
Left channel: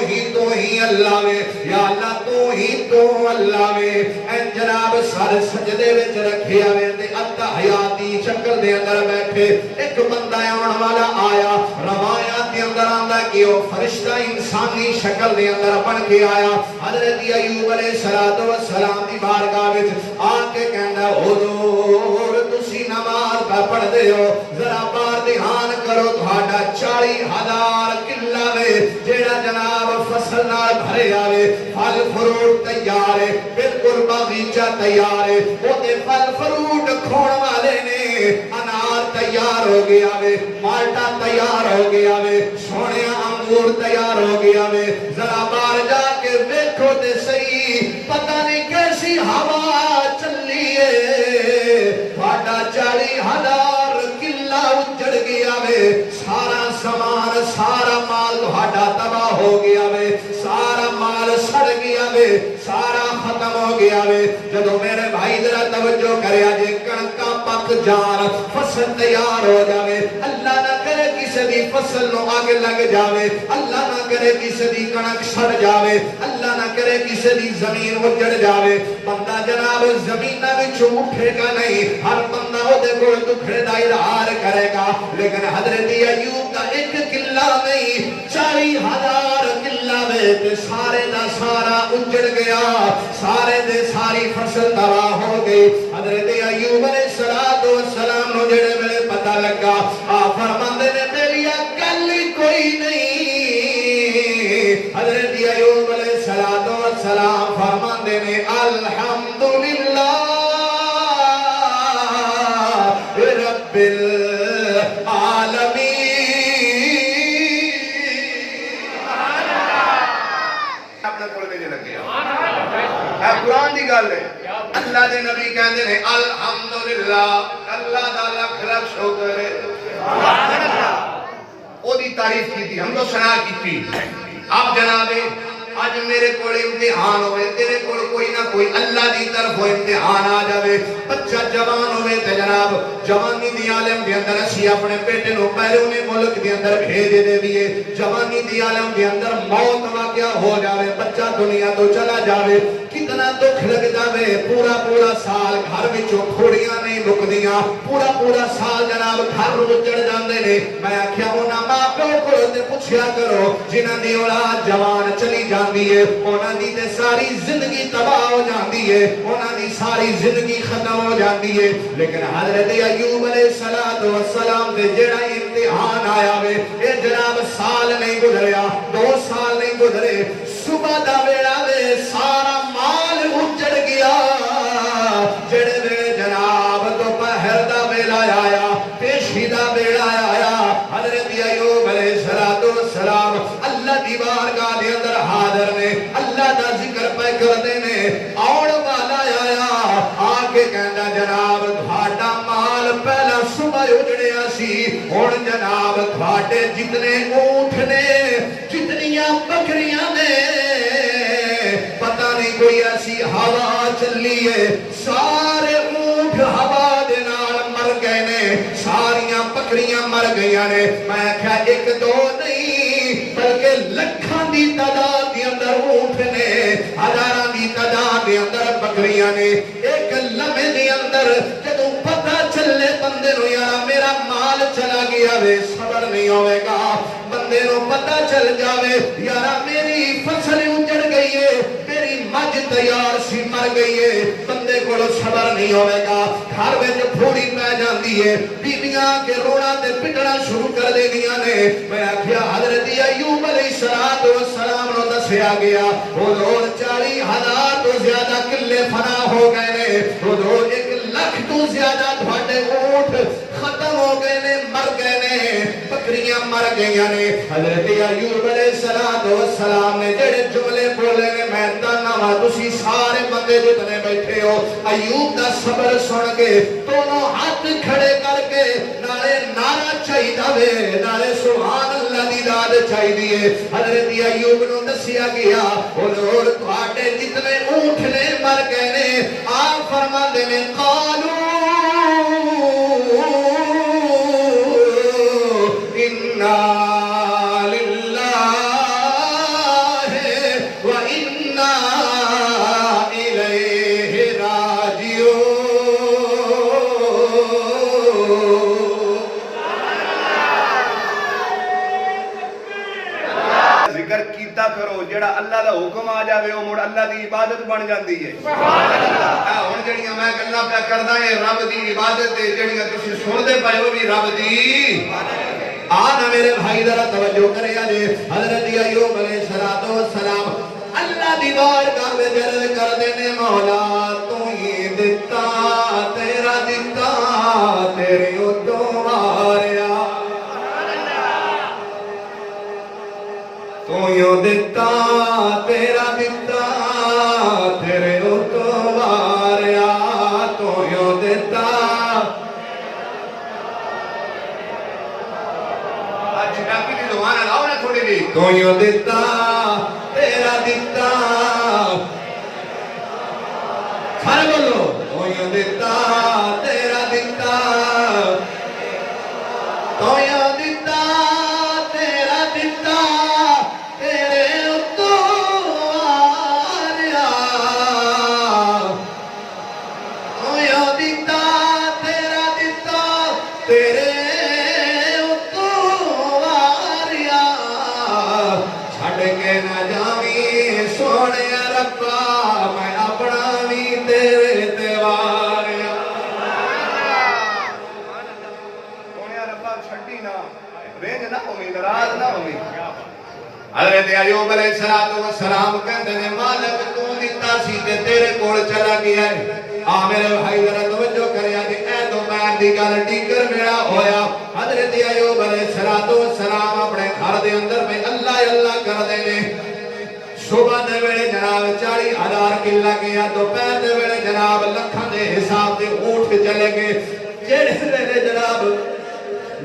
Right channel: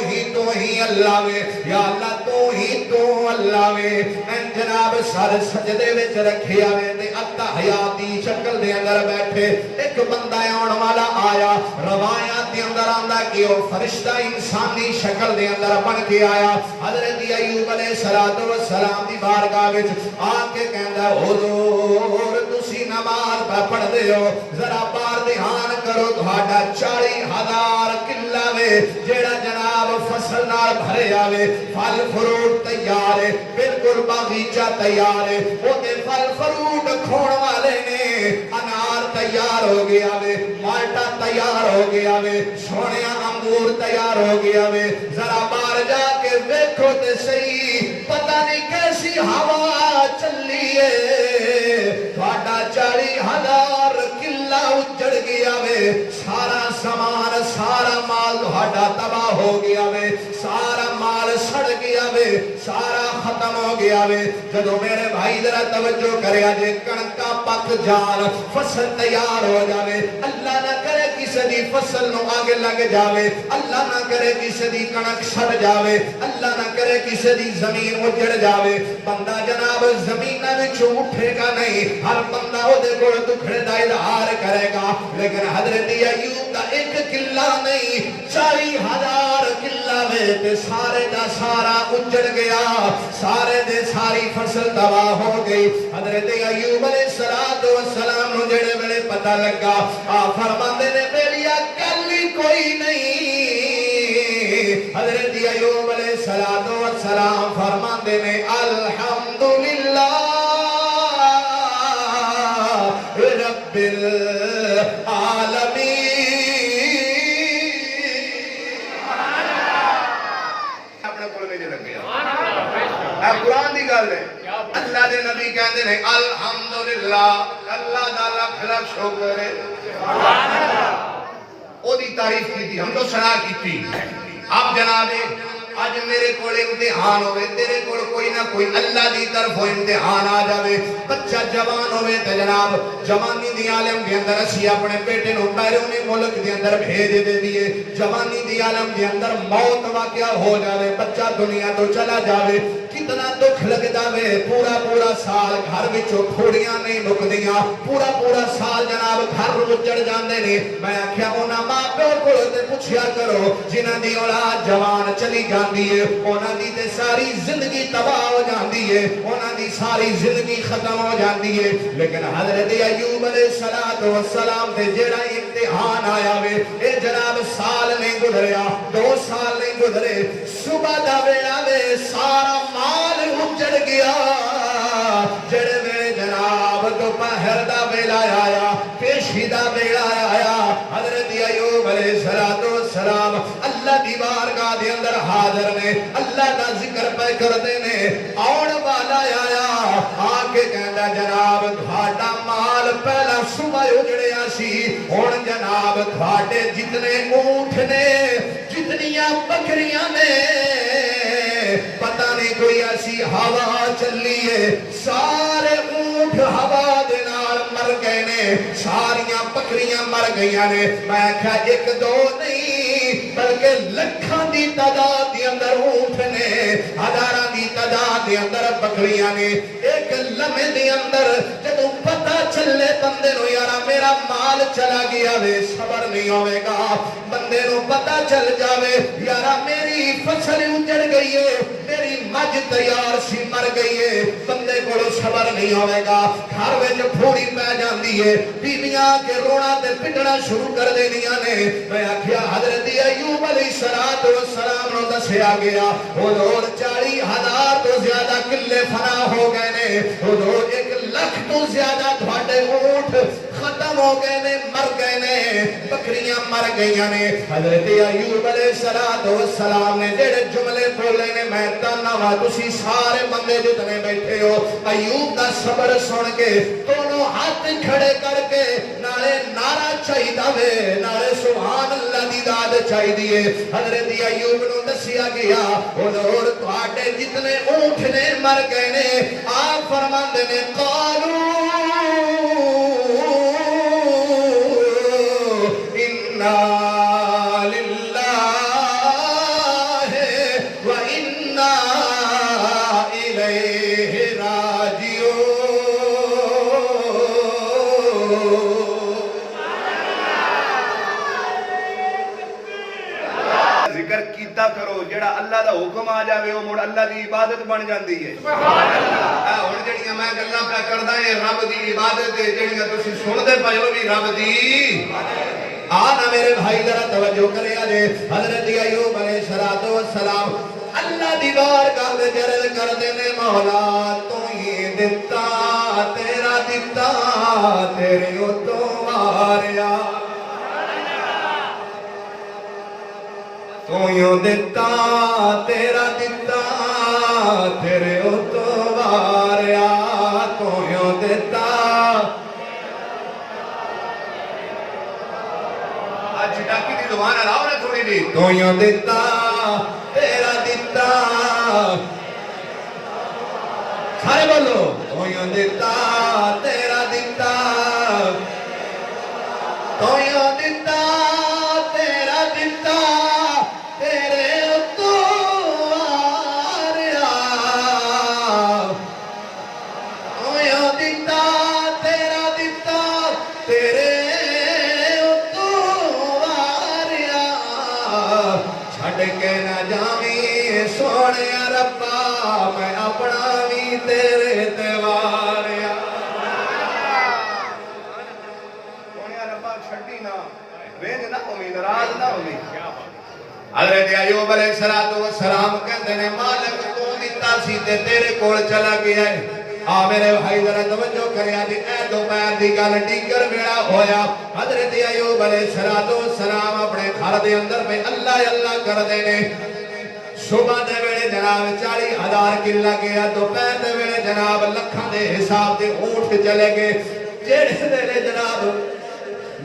ہی اللہ میں یا اللہ تو اللہ میں اے جناب سر سجدے وچ رکھیا میں تے اتحیاتی شکل دے اندر بیٹھے ایک بندہ آن والا آیا روایات دے اندر آندا کہ وہ فرشتہ انسانی شکل دے اندر بن کے آیا حضرت ایوب علیہ السلام دی بارگاہ وچ آ کے کہندا حضور تسی نماز پڑھ دے ہو ذرا بار دھیان کرو تہاڈا 40,000 کلا وے جیڑا جناب فصل نال بھرے آوے پھل فروٹ تیار ہے بالکل باغیچہ تیار ہے او دے پھل فروٹ کھون والے نے انار تیار ہو گیا وے مالٹا تیار ہو گیا وے سونے انگور تیار ہو گیا وے ذرا باہر جا کے دیکھو تے صحیح پتہ نہیں کیسی ہوا چلی ہے تہاڈا 40,000 کلا اجڑ گیا وے سارا سامان سارا مال تہاڈا تباہ ہو گیا وے سارا مال سڑ گیا وے سارا ختم ہو گیا وے جدو میرے بھائی ذرا توجہ کریا جے کنکا پک جان فصل تیار ہو جاوے اللہ نہ کرے کسی دی فصل نو آگے لگ جاوے اللہ نہ کرے کسی دی کنک سڑ جاوے اللہ نہ کرے کسی دی زمین اجڑ جاوے بندہ جناب زمینہ وچوں اٹھے گا نہیں ہر بندہ وہ دے کول دکھڑے دا اظہار کرے گا لیکن حضرت ایوب کا ایک قلعہ نہیں 40,000 قلعہ میں تے سارے دا سارا اجڑ گیا سارے دے ساری فصل تباہ ہو گئی حضرت ایوب علیہ السلام نو جڑے ویلے پتہ لگا فرماندے نے میری گل کوئی نہیں حضرت ایوب علیہ السلام فرماندے نے الحمدللہ رب العالمین اپنے کول میں لگ گیا قرآن دی گل ہے اللہ دے نبی کہندے نے الحمدللہ اللہ دا لاکھ لاکھ شکر ہے او دی تعریف کی ہم تو سنا کی اب جناب آج میرے کول امتحان ہوئے تیرے کول کوئی نہ کوئی اللہ دی طرف ہو امتحان آ جاوے بچہ جوان ہوئے تے جناب جوانی دی عالم دے اندر اسی اپنے بیٹے نو بیرونی ملک دے اندر بھیج دے دیئے جوانی دی عالم دے اندر موت واقعہ ہو جاوے بچہ دنیا تو چلا جاوے کتنا دکھ لگ جاوے پورا سال گھر وچوں کھوڑیاں نہیں مکدیاں پورا سال جناب گھر اجڑ جاندے نے میں آکھیا انہاں ماں پیو کولوں تے پوچھیا کرو جنہاں دی اولاد جوان چلی جاندی ہے انہاں دی تے ساری زندگی تباہ ہو جاندی ہے انہاں دی ساری زندگی ختم ہو جاندی ہے لیکن حضرت ایوب علیہ السلام تے جڑا امتحان آیا وے اے جناب سال نہیں گزریا 2 سال نہیں گزرے صبح دا ویلا وے سارا مال اجڑ گیا جڑے ویلے جناب دوپہر دا ویلا آیا پیشی دا ویلا آیا حضرت ایوب علیہ السلام اللہ دی بارگاہ دے اندر حاضر نے اللہ دا ذکر پہ کردے نے آن والا آیا آ کے کہندا جناب تہاڈا مال پہلا صبح اجڑیا سی ہن جناب تہاڈے جتنے اونٹ نے جتنیاں بکریاں نے پتہ نہیں کوئی ایسی ہوا چلی ہے سارے اونٹ ہوا دے نال مر گئے نے ساریاں بکریاں مر گئیاں نے میں کہا 1-2 نہیں بلکہ لکھاں دی تعداد دے اندر اونٹ نے ہزاراں دی تعداد دے اندر بکریاں نے ایک لمحے دے اندر جدوں پتہ چلے بندے نو یارا میرا مال چلا گیا وے صبر نہیں ہوے گا بندے نو پتہ چل جاوے یارا میری فصل اجڑ گئی ہے میری مجھ تیار سی مر گئی ہے بندے کو کو صبر نہیں ہوئے گا گھر میں پھوڑی پہ جاندی ہے بیبیاں کے رونا تے پٹنا شروع کر دینیاں نے میں آکھیا حضرت ایوب علیہ السلام نو دسیا گیا حضور 40,000 تو زیادہ قلعے فنا ہو گئے نے حضور 1,00,000 تو زیادہ تھوڑے اونٹ ختم ہو گئے نے مر گئے نے بکریاں مر گئیاں نے حضرت ایوب علیہ السلام نے جڑے جملے بولے نے میں تانا تسی سارے بندے جتنے بیٹھے ہو ایوب دا صبر سن کے دونوں ہاتھ کھڑے کر کے نارے نعرہ چاہیدا وے نارے سبحان اللہ دی داد چاہیدی ہے حضرت ایوب نو دسیا گیا حضور تواڈے جتنے اونٹ نے مر گئے نے آپ فرماندے نے قالو انا للہ و انا الیہ راجعون ذکر کیتا کرو جڑا اللہ دا حکم آ جاوے وہ مڑ اللہ دی عبادت بن جاندی ہے ہن جڑیاں میں گلاں پہ کردا اے رب دی عبادت تے جڑیاں تسی سندے پئے ہو بھی رب دی آن میرے بھائی ذرا توجہ کرے آجے حضرت ایوب علیہ السلام اللہ دی بارگاہ میں عرض کردے نے مولا تو یہ دتا تیرا دتا تیرے اتوں ماریا تو یوں دتا تیرا دتا تیرے اتوں ماریا تو یوں دتا چٹاکی دی زبان الاؤ نا تھوڑی دی تو یوں دتا تیرا دتا سارے بولو تو یوں دتا تیرا دتا تو یوں دتا تیرا دتا تیرے اتوں آریا تو یوں دتا تیرا دتا تیرے کے نہ جاویں سونے ربا میں اپنا بھی تیرے دیواریا سونے ربا چھٹی نہ رینج نہ ہوئی ناراض نہ ہوئی حضرت ایوب علیہ السلام کہتے ہیں مالک تو دیتا سی تے تیرے کول چلا گیا ہے آ میرے بھائی ذرا توجہ کرے آج اے دوپہر دی گل ٹیگر میرا ہویا حضرت ایوب علیہ السلام اپنے گھر دے اندر میں اللہ کردے نے صبح دے ویلے جناب 40,000 قلعہ گیا دوپہر دے ویلے جناب لکھاں دے حساب دے اونٹ چلے گئے جڑے ویلے جناب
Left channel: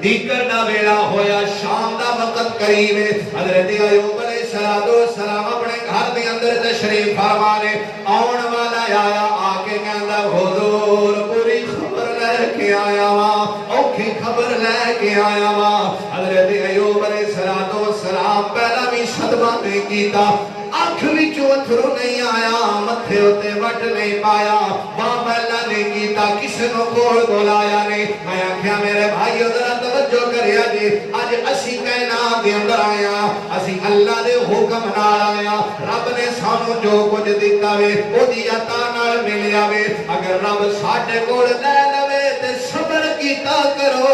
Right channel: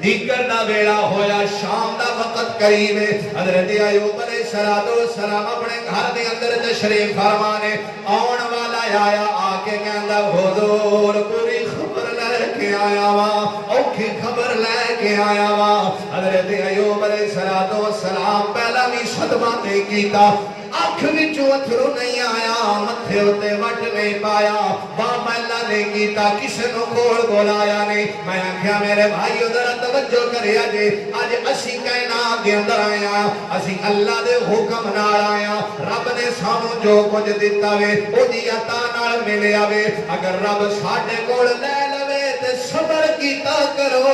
دیگر دا ویلا ہویا شام دا وقت قریب ہے حضرت ایوب علیہ السلام اپنے گھر دے اندر تشریف فرما نے آن والا آیا آ کے کہندا حضور پوری خبر لے کے آیا وا اوکھی خبر لے کے آیا وا حضرت ایوب علیہ السلام پہلا بھی صدمہ نہیں کیتا آنکھ وچوں اتھرو نہیں آیا متھے اتے وٹ نہیں پایا بابلا نہیں کیتا کسے نو کول بلایا نہیں میں آکھیا میرے بھائیو ذرا توجہ کریا جی اج اسی کائنات دے اندر آیا اسی اللہ دے حکم نال آیا رب نے سانو جو کچھ دتا وے او دی عطا نال ملیا وے اگر رب ساڈے کول لے لوے تے صبر کیتا کرو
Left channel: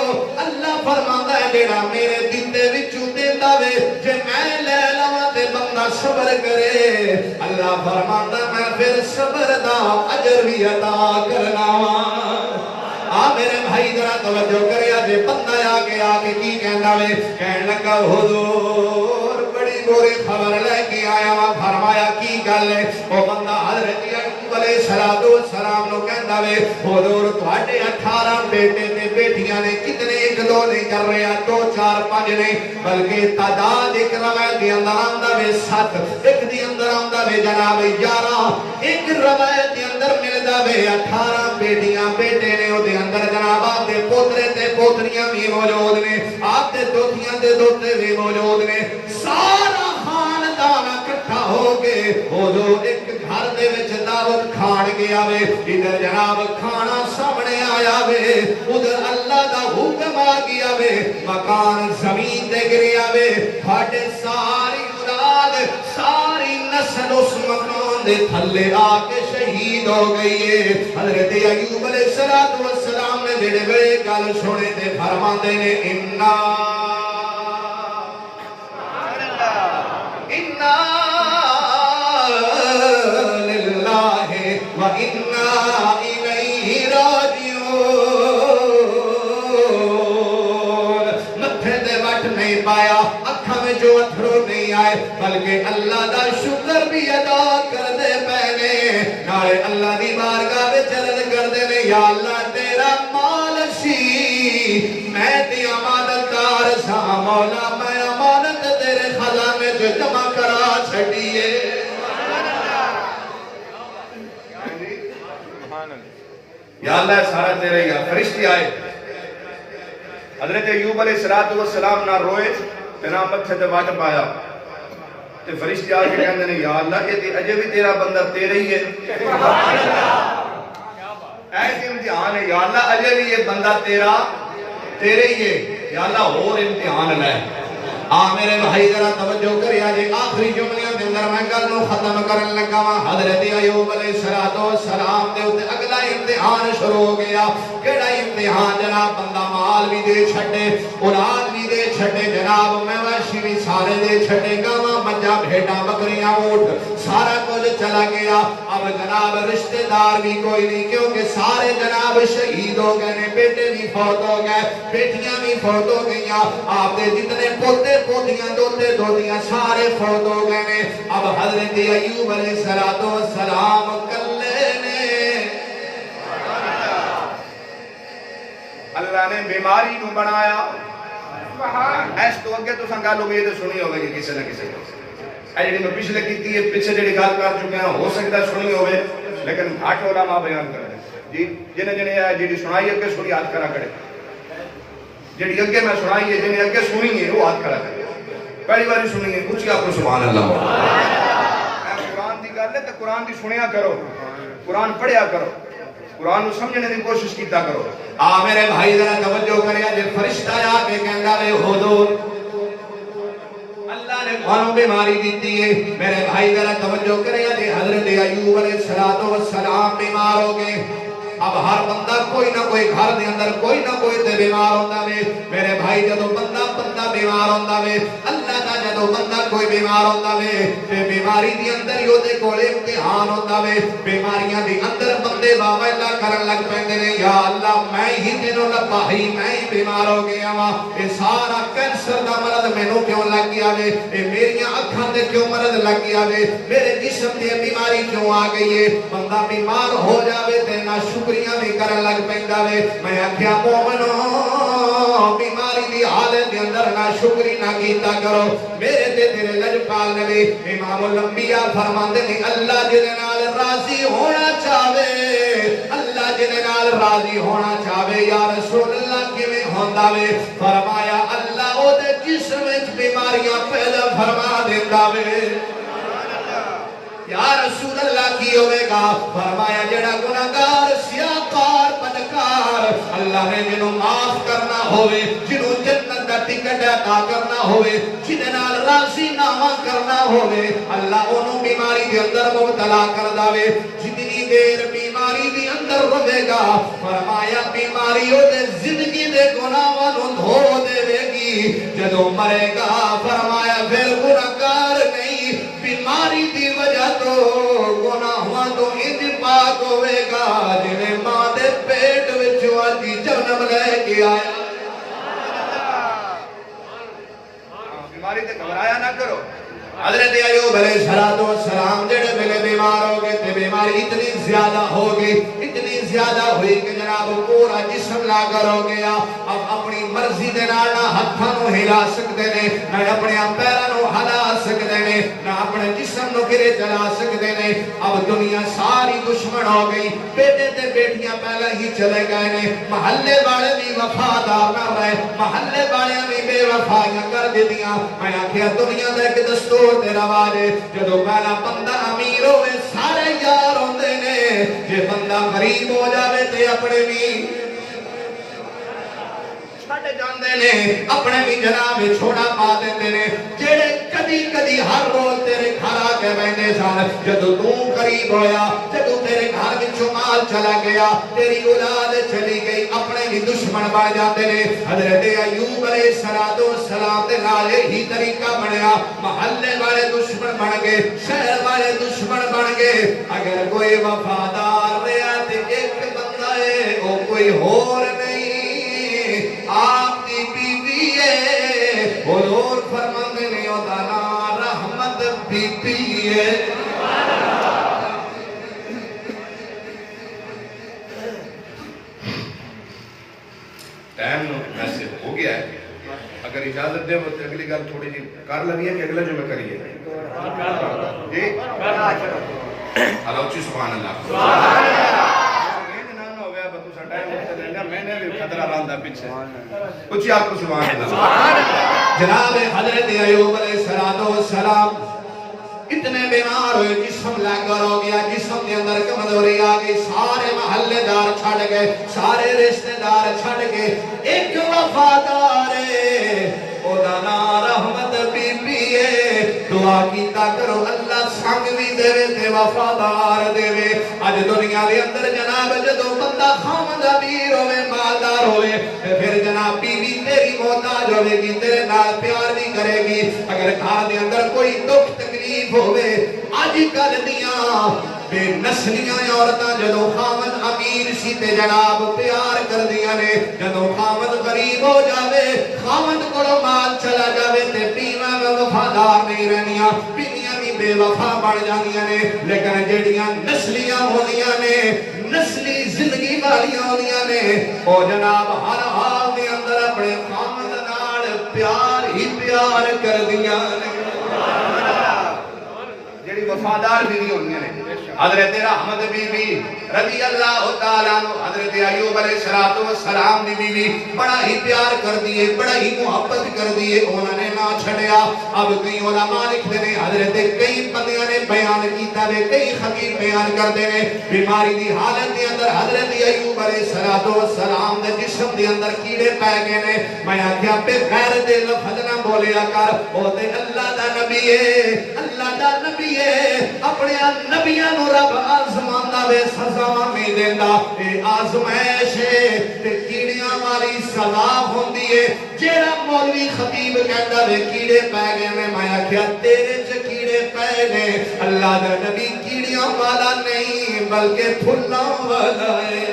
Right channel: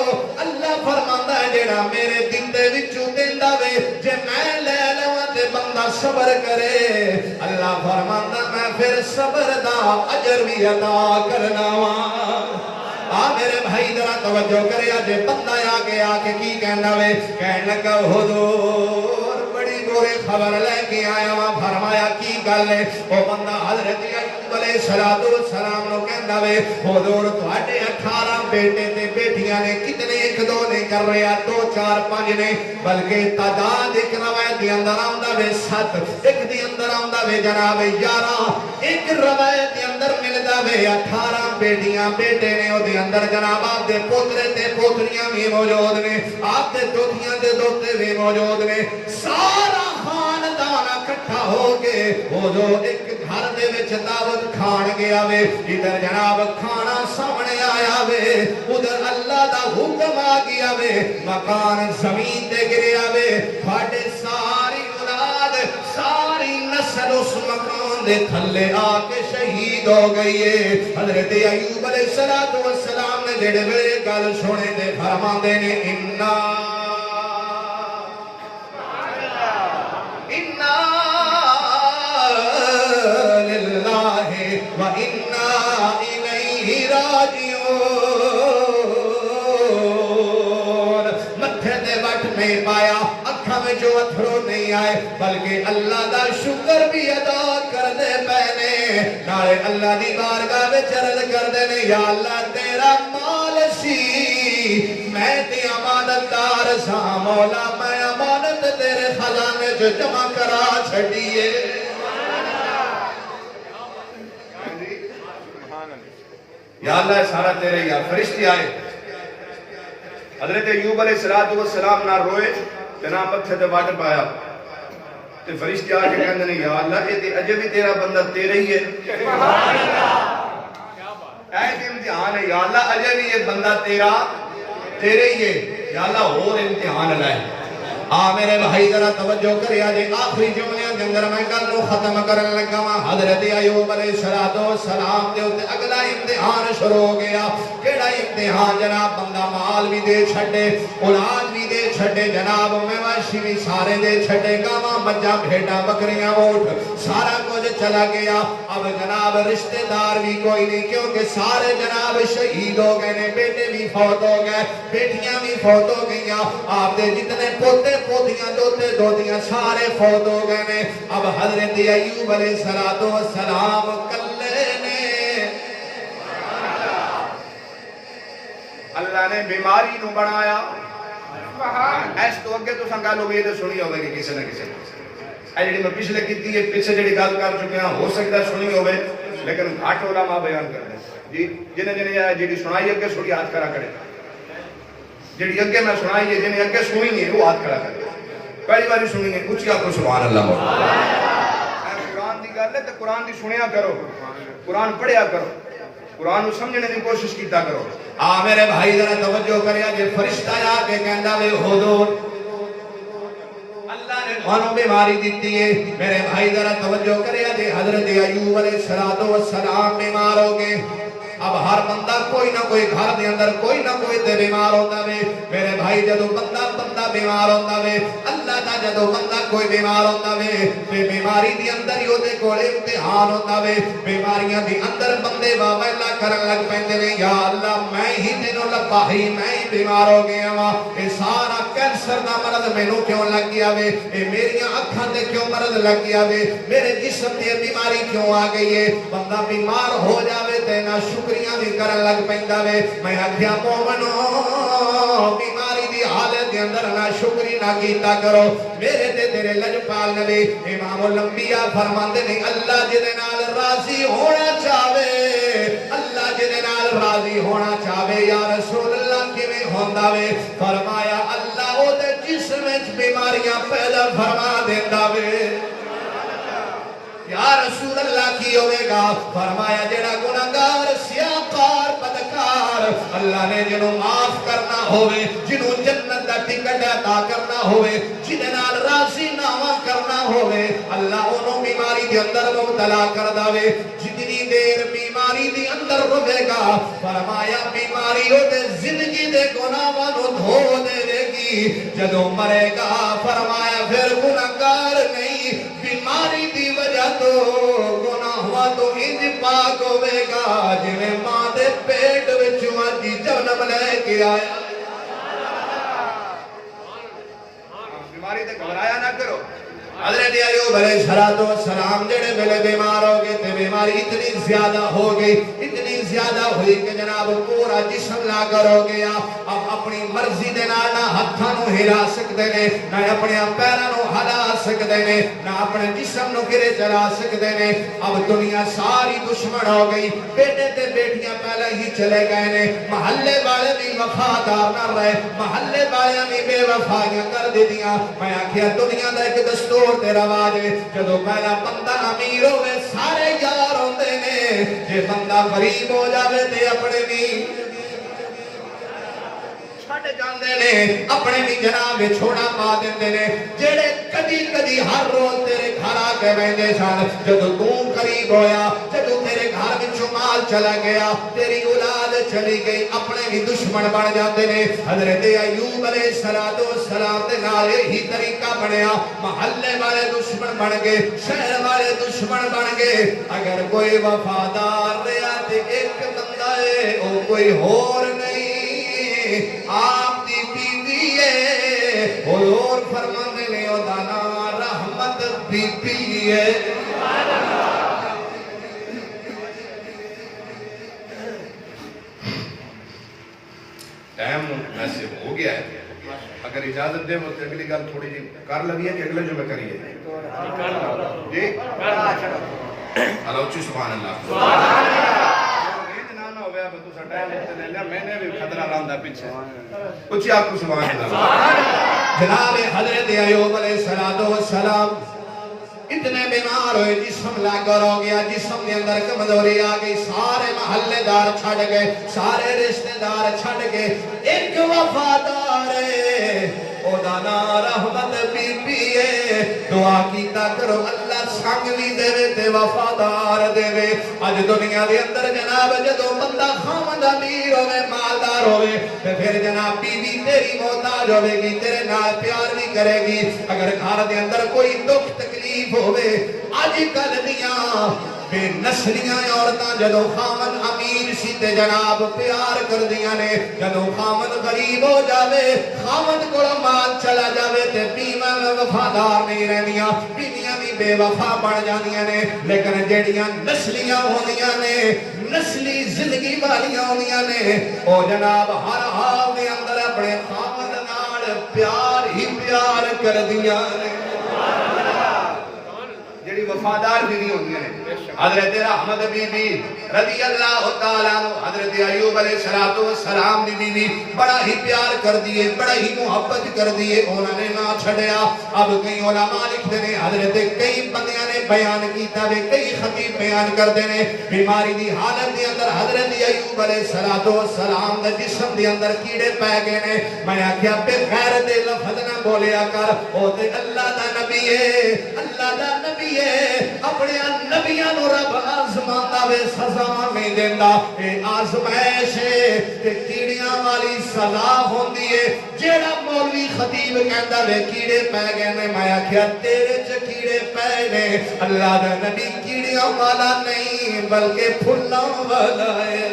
اللہ فرماندا ہے جڑا میرے دتے وچوں دیندا وے جے میں لے لواں تے بندہ صبر کرے اللہ فرماندا میں پھر صبر دا اجر بھی عطا کرنا وا میرے بھائی ذرا توجہ کرے اجے بندہ آ کے کی کہندا وے کہن لگا حضور بڑی بری خبر لے کے آیا وا فرمایا کی گل ہے او بندہ حضرت ایوب علیہ السلام نو کہندا وے حضور تواڈے 18 بیٹے تے بیٹیاں نے کتنے ایک دو نہیں کر رہے 2 4 5 نہیں بلکہ تعداد ایک روایت دے اندر آندا وے 7 ایک دی اندر آندا وے جناب 11 ایک روایت دے اندر ملدا وے 18 بیٹیاں بیٹے نے او دے اندر جناب آپ دے پوترے تے پوتریاں بھی موجود نے آپ دے دوتیاں تے دوتے بھی موجود نے سارا خاندان اکٹھا ہو کے حضور ایک گھر دے وچ دعوت کھان گیا وے ادھر جناب کھانا سامنے آیا وے ادھر اللہ دا حکم آ گیا وے مکان زمین تے گریا وے پھاڑے ساری اولاد ساری نسل اس مکان دے تھلے آ کے شہید ہو گئی ہے۔ حضرت ایوب علیہ السلام نے جڑے ویلے گل سنے تے فرماندے نے انا للہ و انا الیہ راجعون۔ متھے تے وٹ نہیں پایا، اکھاں میں جو اتھرو نہیں آئے، بلکہ اللہ دا شکر بھی ادا کرنے پینے، نالے اللہ دی بارگاہ وچ عرض کردے نے یا اللہ تیرا مال سی میں تے امانت دار سا مولا، میں امانت تیرے خزانے جو جمع کرا چھڈیے۔ یا اللہ سارا تیرے یا فرشتے آئے حضرت ایوب علیہ السلام نہ روئے تے نہ متھے تے وٹ پایا تے فرشتے آ کے کہندے نے یا اللہ یہ تے اجے بھی تیرا بندہ تیرے ہی ہے۔ ایسے امتحان ہے یا اللہ اجے بھی یہ بندہ تیرے ہی ہے، یا اللہ اور امتحان لائے۔ میرے بھائی ذرا توجہ کریا جی، آخری جملے کے اندر میں گل ختم کرن لگا ہاں۔ حضرت ایوب علیہ السلام دے اوتے اگلا امتحان شروع ہو گیا۔ کیڑا امتحان جناب؟ بندہ مال بھی دے چھڈے، اولاد بھی دے چھڈے، جناب مویشی بھی سارے دے چھڈے، گاواں بچہ بھیڑاں بکریاں اونٹ سارا کچھ چلا گیا۔ اب جناب رشتہ دار بھی کوئی نہیں، کیونکہ سارے جناب شہید ہو گئے نے، بیٹے بھی فوت ہو گئے، بیٹیاں بھی فوت ہو گئیاں، آپ دے جتنے پوتے پوتیاں دوتے دوتیاں سارے فوت ہو گئے نے۔ اب حضرت ایوب علیہ السلام کلے نے۔ اللہ نے بیماری نو بنایا۔ ایس تو اگے تو سنگال ہو گئی تو سنی ہوگی کہ کسی نہ کسی اے جڑی میں پچھلے کیتی ہے، پیچھے جڑی گل کر چکے ہیں، ہو سکتا ہے سنی ہوئے لیکن گھٹ علماء بیان کر دیں جی جنہیں جڑی سنائی اگے سنی ہاتھ کھڑا کرے، جڑی اگے میں سنائی ہے جنہیں اگے سنی ہے وہ ہاتھ کھڑا کرے، پہلی باری سنی ہے کچھ آپ کو سبحان اللہ۔ قرآن دی گل ہے تو قرآن دی سنیا کرو، قرآن پڑھیا کرو، قرآن کو سمجھنے کی کوشش کیتا کرو۔ میرے بھائی ذرا توجہ کریا جی، فرشتہ آ کے کہندا وے ہودو اللہ نے تھانوں بیماری دیتی ہے۔ میرے بھائی ذرا توجہ کریا جی، حضرت ایوب علیہ السلام بیمار ہو گئے۔ اب ہر بندہ کوئی نہ کوئی گھر دے اندر کوئی نہ کوئی تے بیمار ہوندا وے۔ میرے بھائی جدوں بندہ بیمار ہوندا وے، اللہ دا جدوں بندہ کوئی بیمار ہوندا وے تے بیماری دی اندر ہی اودے کولے امتحان ہوندا وے۔ بیماریاں دی اندر بندے واہ اللہ کرن لگ پیندے نے، یا اللہ میں ہی تینوں لبا ہی میں ہی بیمار ہو گیا وا، اے سارا کینسر دا مرض مینوں کیوں لگ گیا وے، اے میریاں اکھاں تے کیوں مرض لگ گیا وے، میرے جسم دی بیماری کیوں آ گئی ہے۔ بندہ بیمار ہو جاوے تے نہ شکریہ بھی کرن لگ پیندا وے۔ میں آکھیا مومنو بیماری دی حالت دے اندر نہ شکری نہ کیتا کرو۔ میرے تے تیرے لجپال نبی امام الانبیاء فرماندے نے اللہ جدے نال راضی ہونا چاہے، اللہ جدے نال راضی ہونا چاہے یا رسول اللہ کیویں ہوندا وے؟ فرمایا اللہ او دے جسم وچ بیماریاں پیدا فرما دیندا وے۔ یا رسول اللہ کی ہوئے گا؟ فرمایا جڑا گناہگار سیاکار بدکار اللہ نے جنہوں معاف کرنا ہوئے، جنہوں جنت دا ٹکٹ عطا کرنا ہوئے، جنہوں نال راضی نامہ کرنا ہوئے، اللہ انہوں بیماری دے اندر مبتلا کر داوے۔ جتنی دیر بیماری دے اندر روے گا فرمایا بیماری دے زندگی دے گناہاں نو دھو دے گی، جدوں مرے گا فرمایا پھر گناہگار نہیں، بیماری دی وجہ تو گناہاں تو انج پاک ہوئے گا جنہیں ماں دے پیٹ وچوں اج جنم لے کے آیا۔ بیماری تے گھبرایا نہ کرو۔ حضرت ایوب علیہ السلام جڑے ویلے بیمار ہو گئے تے بیماری اتنی زیادہ ہو گئی، اتنی زیادہ ہوئی کہ جناب پورا جسم لاغر ہو گیا۔ اب اپنی مرضی دے نال نہ ہتھاں نوں ہلا سکدے نے، نہ اپنے پیراں نوں ہلا سکدے نے، نہ اپنے جسم نوں گرے چلا سکدے نے۔ اب دنیا ساری دشمن ہو گئی، بیٹے تے بیٹیاں پہلے ہی چلے گئے نے، محلے والے بھی وفادار نہ رہے، محلے والے بھی بے وفائیاں کر دیتیاں۔ میں آکھیا دنیا دا ایک دستور تے رواج ہے، جدوں پہلا بندہ امیر ہوئے سارے یار ہوندے نے، جے بندہ غریب ہو جاوے تے اپنے بھی چھڈ جاندے نے اپنے بھی جناب چھوڑا پا دیندے نے جڑے کدی کدی ہر روز تیرے گھر آ کے رہندے سن جدوں تو قریب ہویا جدوں تیرے گھر وچوں مال چلا گیا تیری اولاد چلی گئی اپنے بھی دشمن بن جاتے نے حضرت ایوب علیہ السلام دے نال ہی طریقہ بنیا محلے والے دشمن بن گئے شہر والے دشمن بن گئے اگر کوئی وفادار رہا تے ایک بندہ ہے وہ کوئی اور نہیں آپ دی بیوی ہے حضور فرماندے نے او دا نام رحمت بی بی ہے ٹائم ویسے ہو گیا ہے اگر اجازت دے تو اگلی گل تھوڑی جی کر لگی ہے کہ اگلے جو میں کریے جی اچھی سبحان اللہ جناب حضرت ایوب علیہ السلام اتنے بیمار ہوئے جسم لاغر ہو گیا جسم کے اندر کمزوری آ گئی سارے محلے دار چھڑ گئے سارے رشتہ دار چھڑ گئے ایک وفادار او دا نام رحمت بی بی ہے دعا کیتا کرو اللہ سنگ بھی دے تے وفادار دے اج دنیا دے اندر جناب جدوں بندہ خاوند امیر ہوے مالدار ہوے تے پھر جناب بیوی تیری محتاج ہوے گی تیرے نال پیار بھی کرے گی اگر گھر دے اندر کوئی دکھ تکلیف ہوے اج کل دیاں بے نسلیاں عورتاں جدوں خاوند امیر سی تے جناب پیار کردیاں نے جدوں خاوند غریب ہو جاوے خاوند کولوں مال چلا جاوے تے بیویاں وفادار نہیں رہندیاں بیویاں بھی بے وفا بن جاندیاں نے لیکن جڑیاں نسلیاں ہوندیاں نے نسلی زندگی والیاں ہوندیاں نے او جناب ہر حال دے اندر اپنے خاوند نال پیار ہی پیار کردیاں نے جڑی وفادار بیوی ہوندیاں نے حضرت رحمت بی بی رضی اللہ تعالیٰ عنہ حضرت ایوب علیہ السلام دی بیوی بڑا ہی پیار کر دیئے بڑا ہی محبت کر دیئے انہوں نے نہ چھڑیا اب کئی علماء لکھتے ہیں حضرت کئی بندیاں نے بیان کیتا ہے کئی خطیب بیان کر دینے بیماری دی حالت دی اندر حضرت ایوب علیہ السلام دے جسم دی اندر کیڑے پہ گئے نے میں آکھیا پہ غیر دے لفظ نہ بولیا کر او تے اللہ دا نبی ہے اللہ دا نبی ہے اپنے نبیاں نو رب آزماندا وے سزا نہیں دیندا اے آزمائش ہے تے کیڑیاں والی سزا ہوندی ہے جیڑا مولوی خطیب کہندا وے کیڑے پے گئے نے میں آکھیا تیرے چ کیڑے پے نے اللہ دا نبی کیڑیاں والا نہیں بلکہ پھلاں والا ہے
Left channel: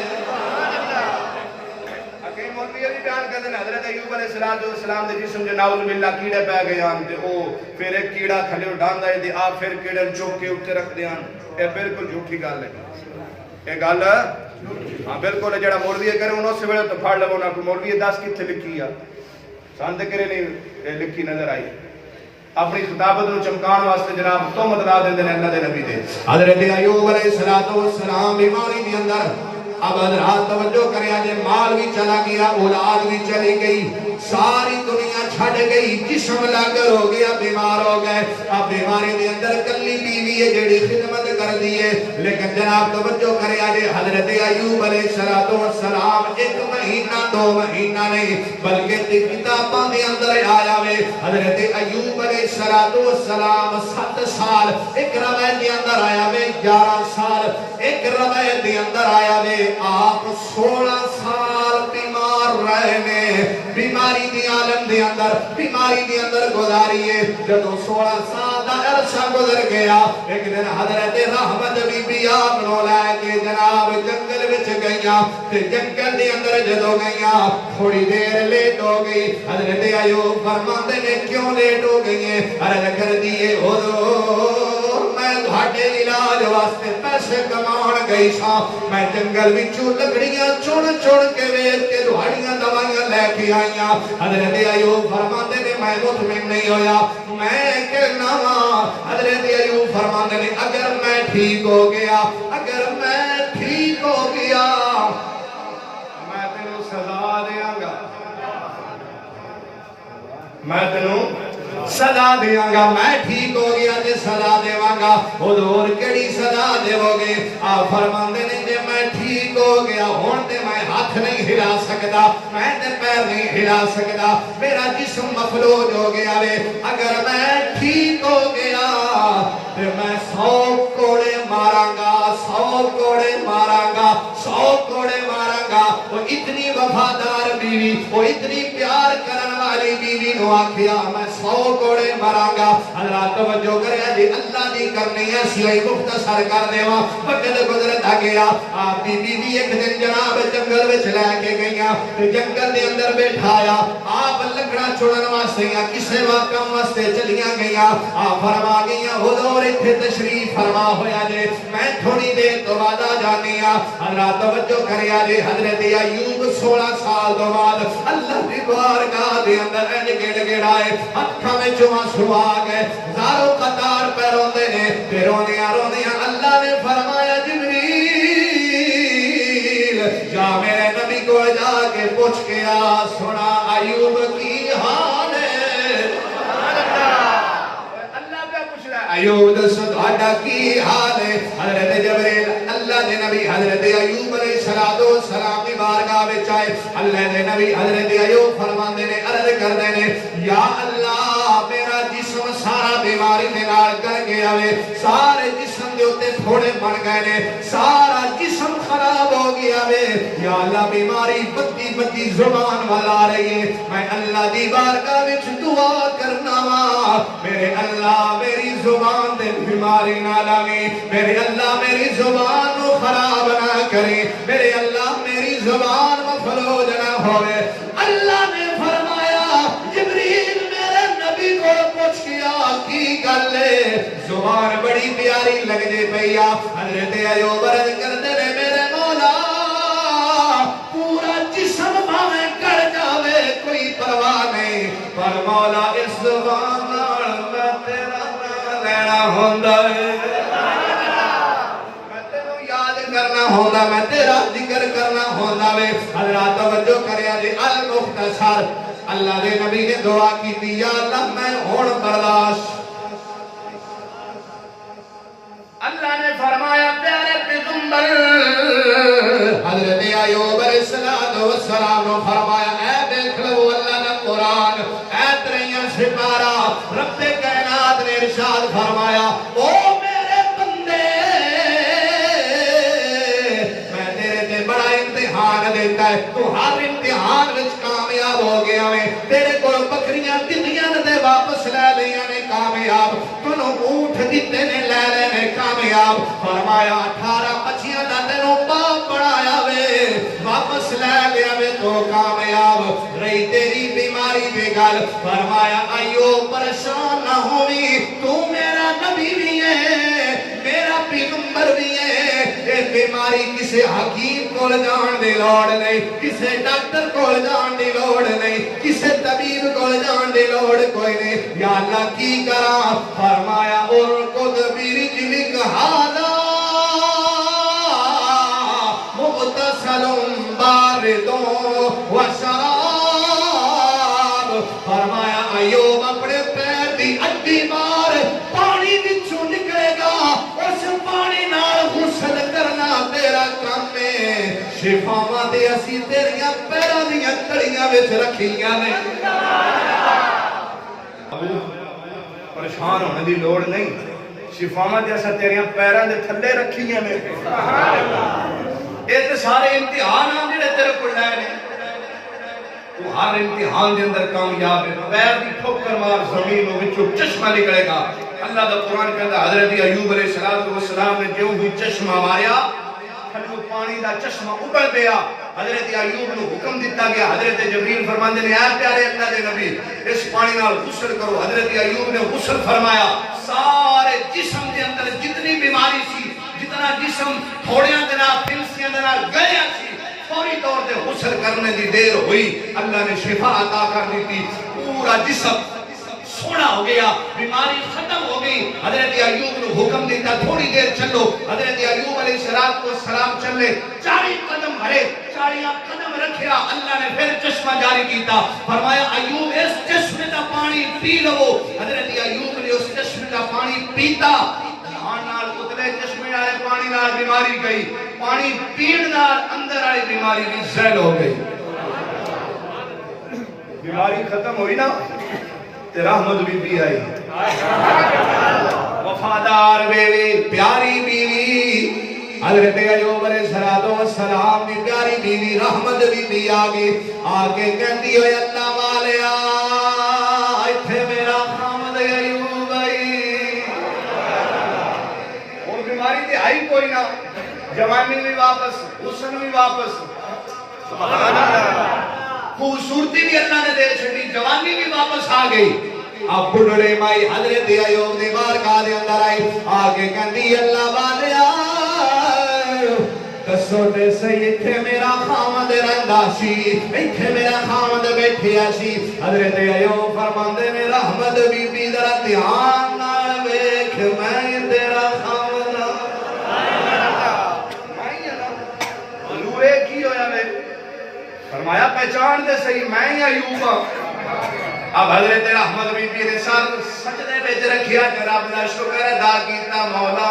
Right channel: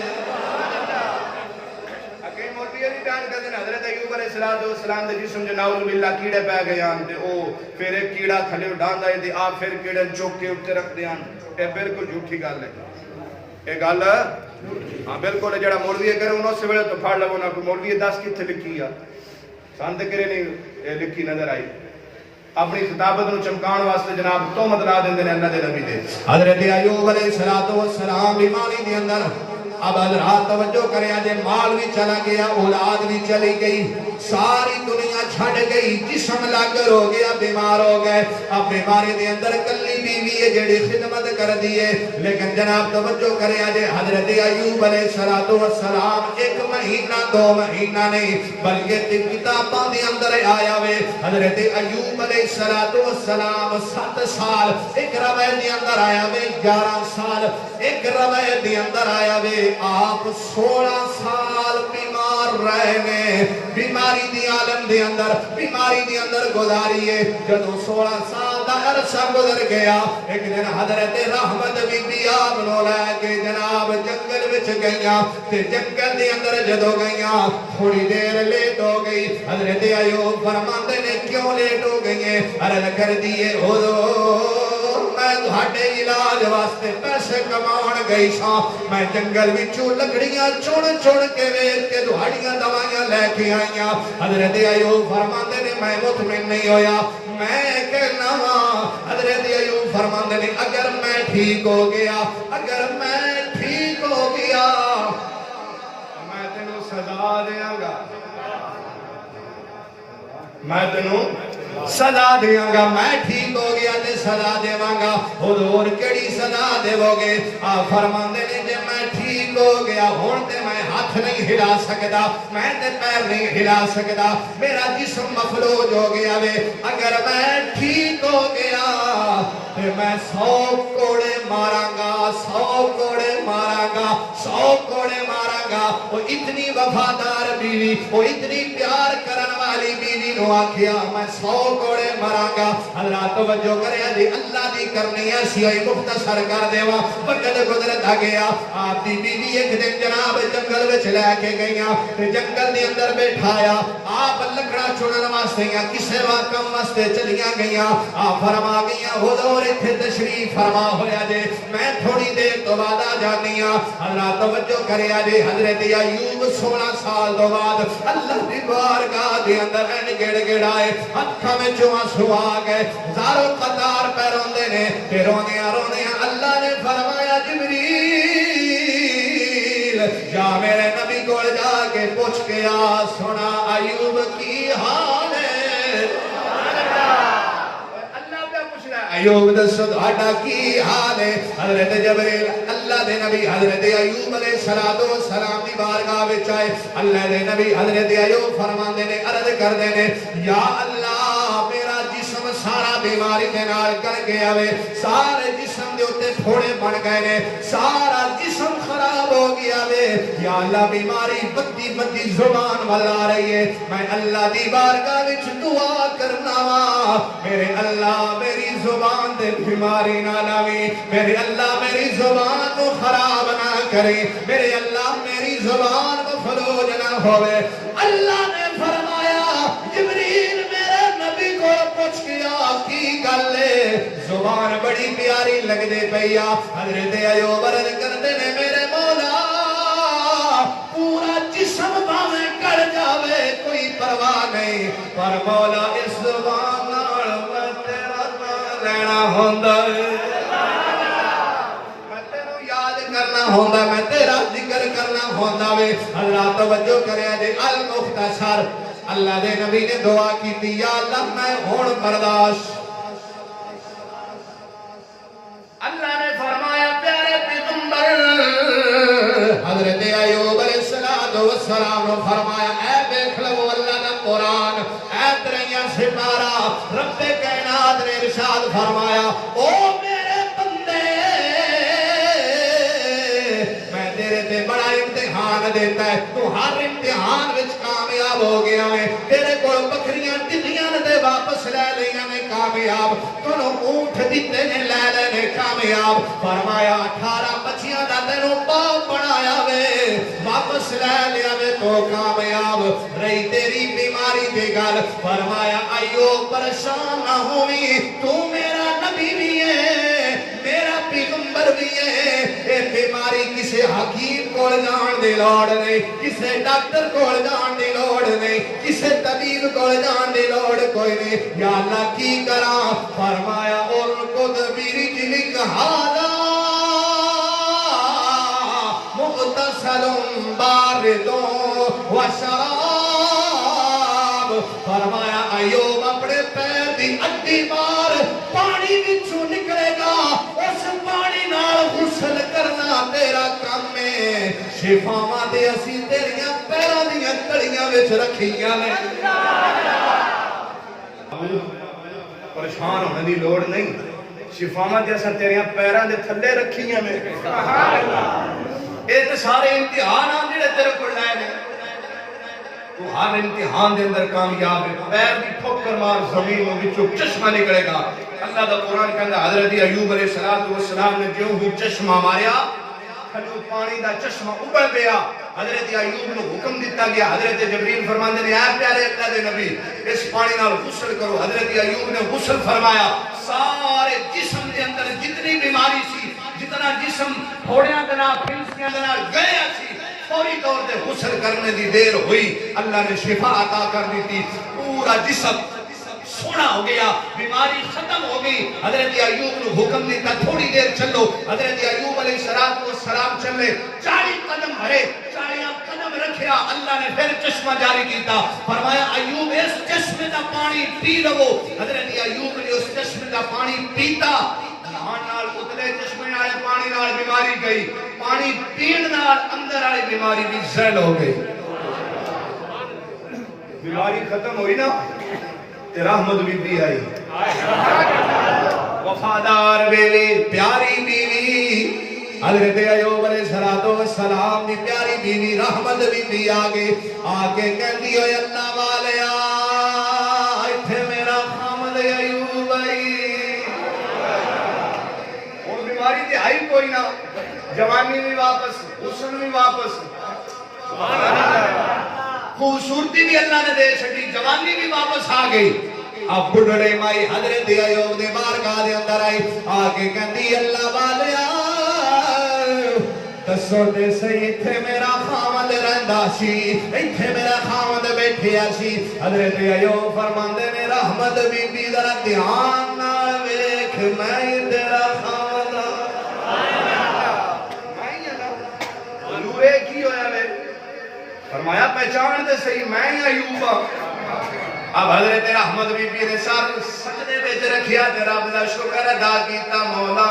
مولوی بھی بیان کر دیں حضرت ایوب علیہ السلام دے جسم جو ناؤل باللہ کیڑے پہ گئے آن دے او پھر ایک کیڑا تھلے اٹھان دے دے آپ پھر کیڑے چوک کے اٹھتے رکھ دے آن اے بالکل جھوٹی گال ہے اے گال ہاں بالکل جڑا مولوی کرے انہوں سے بڑے تو پھاڑ لگو نا کوئی مولوی 10 کی تھے لکھی ہے ساندے کرے نہیں لکھی نظر آئی اپنی خطابت نو چمکان واسطے جناب تہمت لا دیں دے اللہ دے نبی دے حضرت ایوب علیہ السلام بیماری دے اندر اب حضرات توجہ کریں آجے مال بھی چلا گیا اولاد بھی چلی گئی ساری دنیا چھڑ گئی جسم لاغر ہو گیا بیمار ہو گئے اب بیماری دے اندر کلی بیوی ہے جڑی خدمت کر دیئے لیکن جناب توجہ کریں آجے حضرت ایوب علیہ السلام 1 مہینہ 2 مہینہ نہیں بلکہ کتاباں دے اندر آیا وے حضرت ایوب علیہ السلام 7 سال ایک روایت دے اندر آیا وے 11 سال ایک روایت دے اندر آیا وے آپ 16 سال بیمار رہنے بیماری دی عالم دے اندر گزاریے جدو 16 سال دا عرصہ گزر گیا ایک دن حضرت رحمت بی بی آپ نو لے کے جناب جنگل وچ گئیاں تے جنگل دے اندر جدو گئیاں تھوڑی دیر لیٹ ہو گئی حضرت ایوب فرماندے نے کیوں لیٹ ہو گئی ہیں عرض کر دیے حضور میں تہاڈے علاج واسطے پیسے کمان گئی سا میں جنگل وچوں لکڑیاں چن کے ویچ کے تہاڈیاں دوائیاں لے کے آئیاں حضرت ایوب فرماندے نے میں مطمئن نہیں ہویا میں کہنا وا حضرت ایوب فرماندے نے اگر میں ٹھیک ہو گیا میں تینوں سزا دیاں گا میں ٹھیک ہو گیا تے سزا دیواں گا حضور کیڑی سزا دیو گے آپ فرماندے نے جے میں ٹھیک ہو گیا ہن تے میں ہاتھ ہاتھ نہیں ہلا سکتا، میں تے پیر نہیں ہلا سکتا، میرا جسم مفلوج ہو گیا وے، اگر میں ٹھیک ہو گیا تو میں 100 کوڑے ماراں گا، 100 کوڑے ماراں گا، 100 کوڑے ماراں گا۔ وہ اتنی وفادار بیوی، وہ اتنی پیار کرن والی بیوی نو آکھیا میں 100 کوڑے ماراں گا۔ اللہ توجہ کرے جی، اللہ دی کرنی ہے سیائی مختصر کر دیواں، وقت گزرتا گیا۔ آپ دی بیوی ایک دن جناب جنگل وچ لے کے گئیاں تے جنگل دے اندر بیٹھایا، آپ لکڑا چنن واسطے یا کسے کام واسطے چلیاں گئیاں، آپ فرما گئیاں حضور اتھے تشریف فرما ہویا جے، میں تھوڑی دیر تو بعد آ جانی ہاں۔ اللہ توجہ کریا جے، حضرت ایوب 16 سال تو بعد اللہ دی بارگاہ دے اندر این گڑ گڑ آئے، اکھاں وچوں آنسو آ گئے، زارو قطار پہ روندے نے، تے روندیاں روندیاں اللہ نے فرمایا جبریل جا میرے نبی کو جا کے پوچھ کے آ، سنا ایوب کی حال ہے۔ اللہ پہ پوچھ رہا ہے ایوب دسو تہاڈا کی حال ہے؟ حضرت جبریل اللہ دے نبی حضرت ایوب علیہ السلام دی بارگاہ وچ آئے، اللہ دے نبی حضرت ایوب فرماندے نے، عرض کردے نے، یا اللہ میرا جسم سارا بیماری دے نال کر گیا وے، سارے جسم دے اوتے پھوڑے بن گئے نے، سارا جسم خراب ہو گیا وے، یا اللہ بیماری بدی بدی زبان والا آ رہی ہے، میں اللہ دی بارگاہ وچ دعا کرنا وا، میرے اللہ میری زبان دے بیماری نہ لاوی، میرے اللہ میری زبان کو خراب نہ کرے، میرے اللہ میری زبان مفلوج نہ ہوئے۔ اللہ نے فرمایا جبریل میرے نبی کو پوچھ کیا کی گل ہے، زبان بڑی پیاری لگ دے پیا۔ حضرت ایوب عرض کردے نے، میرے مولا پورا جسم بھاویں کڑ جاوے کوئی پرواہ نہیں، پر مولا اس زبان نال میں تیرا نام لینا ہوندا ہے، میں تینو یاد کرنا ہوندا، میں تیرا ذکر کرنا ہوندا وے۔ اللہ توجہ کریا جی، المختصر اللہ دے نبی نے دعا کی، یا اللہ میں ہن برداشت۔ اللہ نے فرمایا پیارے پیغمبر حضرت ایوب علیہ السلام نے فرمایا، اے دیکھ لو اللہ کا قرآن، اے تریاں سپارہ، رب کائنات نے ارشاد فرمایا، او میرے بندے میں تیرے تے بڑا امتحان دیتا ہے، تو ہر امتحان وچ کامیاب ہو گیا ہے، تیرے کو بکریاں دنیا دے واپس لے لیاں نے کامیاب، کنو اونٹ دیتے نے لے لے نے کامیاب، فرمایا 18 بچیاں نہ تینوں باپ بنایا وے، واپس لے لیا وے تو کامیاب، رہی تیری بیماری بے گل، فرمایا ایوب پریشان نہ ہوئی، تو میرا نبی بھی ہے، میرا پیغمبر بھی ہے، اے بیماری کسے حکیم کو جان دی لوڑ نہیں، کسے ڈاکٹر کو جان دی لوڑ نہیں، کسے طبیب کو جان دی لوڑ کوئی نہیں، یا اللہ کی کرا، فرمایا اور کو دبیری جلک حالا مغتسل باردوں و شراب، فرمایا ایوب اپنے پیر دی اڈی بار پانی بچوں نکلے گا، اس پانی نال غسل کرنا تیرا کام ہے، شفاواں تے اسی تیریاں پیراں دیاں تڑیاں وچ رکھیاں نے۔ پریشان ہونے دی لوڑ نہیں، شفاواں جیسا تیریاں پیراں دے تھلے رکھیاں نے، یہ تے سارے امتحان آن جڑے تیرے کو لائے نے، تو ہر امتحان دے اندر کامیاب ہے، پیر دی ٹھوکر مار زمین میں وچوں چشمہ نکلے گا۔ اللہ دا قرآن کہندا حضرت ایوب علیہ السلام نے جو بھی چشمہ ماریا، تھلو پانی دا چشمہ ابل پیا، حضرت ایوب نے حکم دیتا گیا، حضرت جبریل فرماندے نے، اے پیارے اللہ دے نبی اس پانی نال غسل کرو، حضرت ایوب نے غسل فرمایا، سارے جسم دے اندر جتنی بیماری سی، جتنا جسم تھوڑیاں دے نال پھنسیاں دے نال گیا سی، فوری طور پہ غسل کرنے دی دیر ہوئی، اللہ نے شفا عطا کر دیتی، پورا جسم سونا ہو گیا، بیماری ختم ہو گئی۔ حضرت ایوب نے حکم دیتا تھوڑی دیر چلو، حضرت ایوب علیہ السلام چلے، 40 قدم بھرے، 40 قدم رکھیا، اللہ نے پھر چشمہ جاری کیتا، فرمایا ایوب اس چشمے دا پانی پی لو، حضرت ایوب نے اس چشمے دا پانی پیتا، نال اتلے چشمے آئے پانی نال بیماری گئی، پانی پین نال اندر والی بیماری بھی زیل ہو گئی. بیماری ختم ہوئی نا تے رحمت بی بی آئی. وفادار بیوی پیاری بیوی حضرت ایوب علیہ السلام کی پیاری بیوی رحمت بی بی آگے کہتی ہوئے اللہ والیا ایتھے میرا خامد ایوب آئی. اور بیماری تے آئی کوئی نہ, جوانی بھی واپس, حسن بھی واپس, سبحان اللہ, خوبصورتی بھی اللہ نے دے چھڑی, جوانی بھی واپس آ گئی. اب بڑھڑے مائی حضرت ایوب دے بارگاہ دے اندر آئی آگے کہندی اللہ والیا دسو تے صحیح ایتھے میرا خامد رہندا سی, ایتھے میرا خامد بیٹھیا سی. حضرت ایوب فرماندے نے رحمت بی بی ذرا دھیان نال ویکھ میں تیرا خامد حضور کی ہویا میں فرمایا پہچان دے صحیح میں ہی ایوب ہاں. اب حضرت رحمت بی بی نے سر سجدے وچ رکھیا تے رب دا شکر ادا کیتا مولا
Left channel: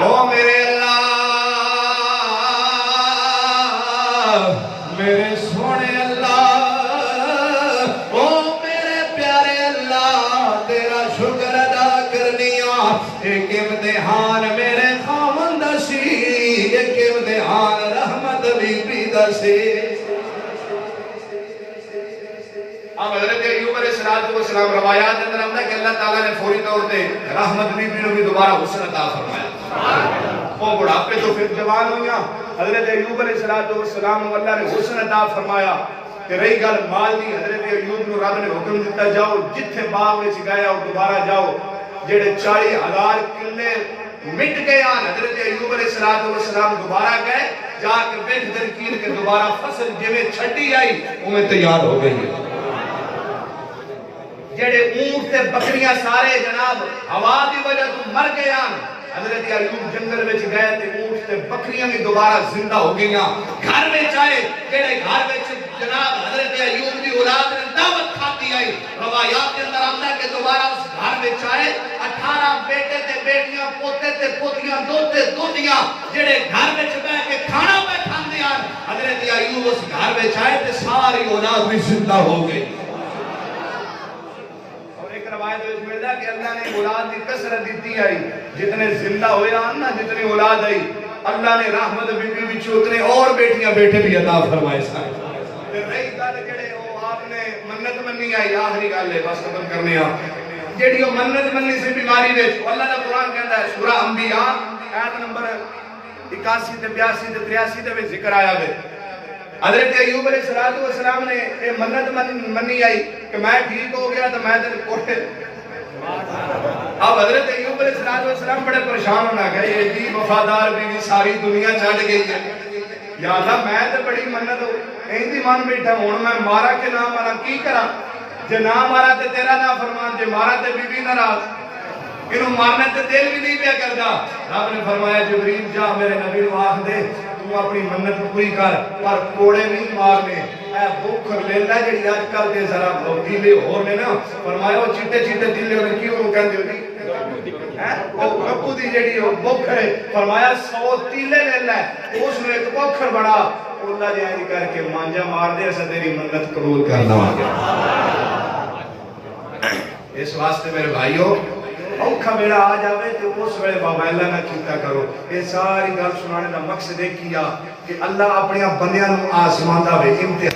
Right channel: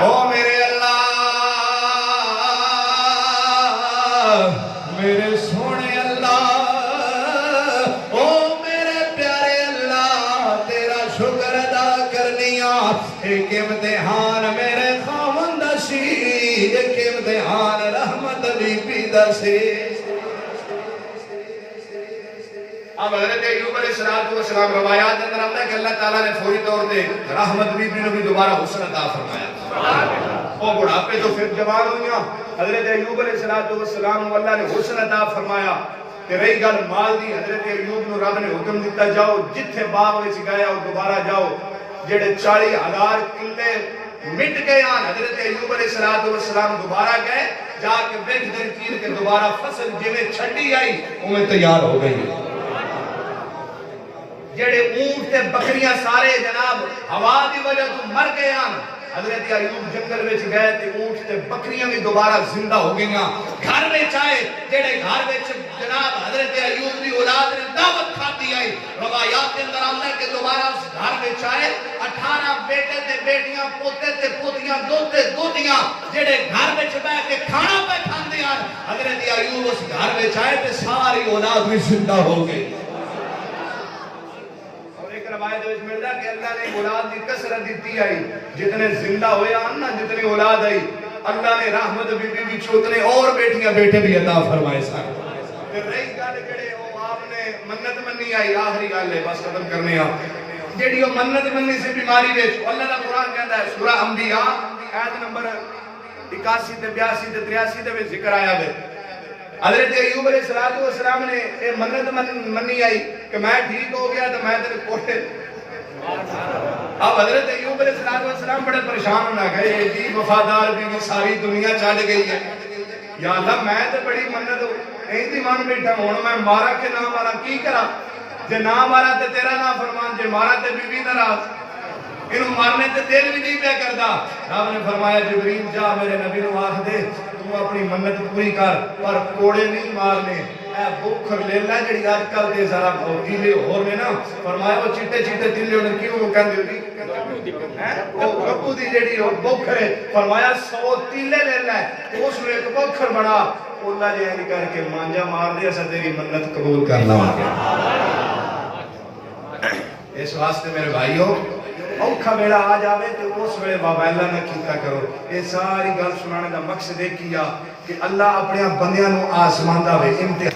او میرے اللہ میرے سونے اللہ او میرے پیارے اللہ تیرا شکر ادا کرنیا. ایک امتحان میرے خامن دا سی, ایک امتحان رحمت بی بی دا سی. اب حضرت ایوب علیہ السلام روایات اندر آتا ہے کہ اللہ تعالیٰ نے فوری طور پہ رحمت بی بی نے بھی دوبارہ حسن عطا فرمایا. وہ بڑھاپے تو پھر جوان ہوئیاں. حضرت ایوب علیہ السلام کو اللہ نے حسن عطا فرمایا. کہ رہی گل مال دی, حضرت ایوب نو رب نے حکم دیتا جاؤ جتھے باغ وچ گیا ہو دوبارہ جاؤ. جڑے 40,000 کلے مٹ گئے آن حضرت ایوب علیہ السلام دوبارہ گئے جا کے بیٹھ درکین کے دوبارہ فصل جویں چھڈی آئی انہیں تیار ہو گئی. جڑے اونٹ تے بکریاں سارے جناب ہوا دی وجہ تو مر گئے آن. حضرت ایوب جنگل وچ گئے تے اونٹ تے بکریاں بھی دوبارہ زندہ ہو گئیاں. گھر وچ آئے جڑے گھر وچ جناب حضرت ایوب دی اولاد نے دعوت کھاتی آئی. روایات کے اندر آتا ہے کہ دوبارہ گھر وچ آئے 18 بیٹے تے بیٹیاں, پوتے تے پوتیاں, دوتے دوتیاں جڑے گھر وچ بیٹھ کے کھانا پہ کھاندے آن. حضرت ایوب اس گھر وچ آئے تے ساری اولاد بھی زندہ ہو گئی. روایت وچ ملدا کہ اللہ نے اولاد دی کثرت دیتی آئی. جتنے زندہ ہوئے آن نا جتنی اولاد آئی اللہ نے رحمت بی بی وچ اتنے اور بیٹیاں بیٹے بھی عطا فرمائے سن. تے رہی گل جڑے او آپ نے منت منی آئی, آخری گل ہے بس ختم کرنے آ, جڑی او منت منی سی بیماری وچ اللہ دا قرآن کہندا ہے سورہ انبیاء آیت نمبر 81 تے 82 تے 83 دے وچ ذکر آیا ہے. حضرت ایوب علیہ السلام نے یہ منت منی آئی کہ میں ٹھیک ہو گیا تو میں تیرے کوٹے. اب حضرت ایوب علیہ السلام بڑے پریشان ہونا گئے, ایڈی وفادار بیوی ساری دنیا چھڈ گئی ہے. یا اللہ میں تے بڑی منت ایندی من بیٹھا ہوں میں مارا کہ نہ مارا کی کرا. جے نہ مارا تے تیرا نہ فرمان, جے مارا تے بی بی ناراض. انہوں مارنے تے دل بھی نہیں پیا کردا. رب نے فرمایا جبریل جا میرے نبی نو آکھ دے تو اپنی منت پوری کر پر کوڑے نہیں مارنے. اے بوکھر لیلا جڑی اج کل دے ذرا دیلے ہور نے نا, فرمایا وہ چٹے چٹے دیلے ہونے کیوں کہندے ہو جی ہیں او گپو دی جڑی او بوکھر ہے, فرمایا 100 تیلے لیلا ہے اس نے ایک بوکھر بڑا اللہ جے نہیں کر کے مانجا مار دے اسا تیری منت قبول کر لواں. اس واسطے میرے بھائیو اوکھا ویلا آ جاوے تے اس ویلے بابا اللہ نہ کیتا کرو. یہ ساری گل سنانے دا مقصد یہ کیا کہ اللہ اپنے بندیاں نو آزماندا وے.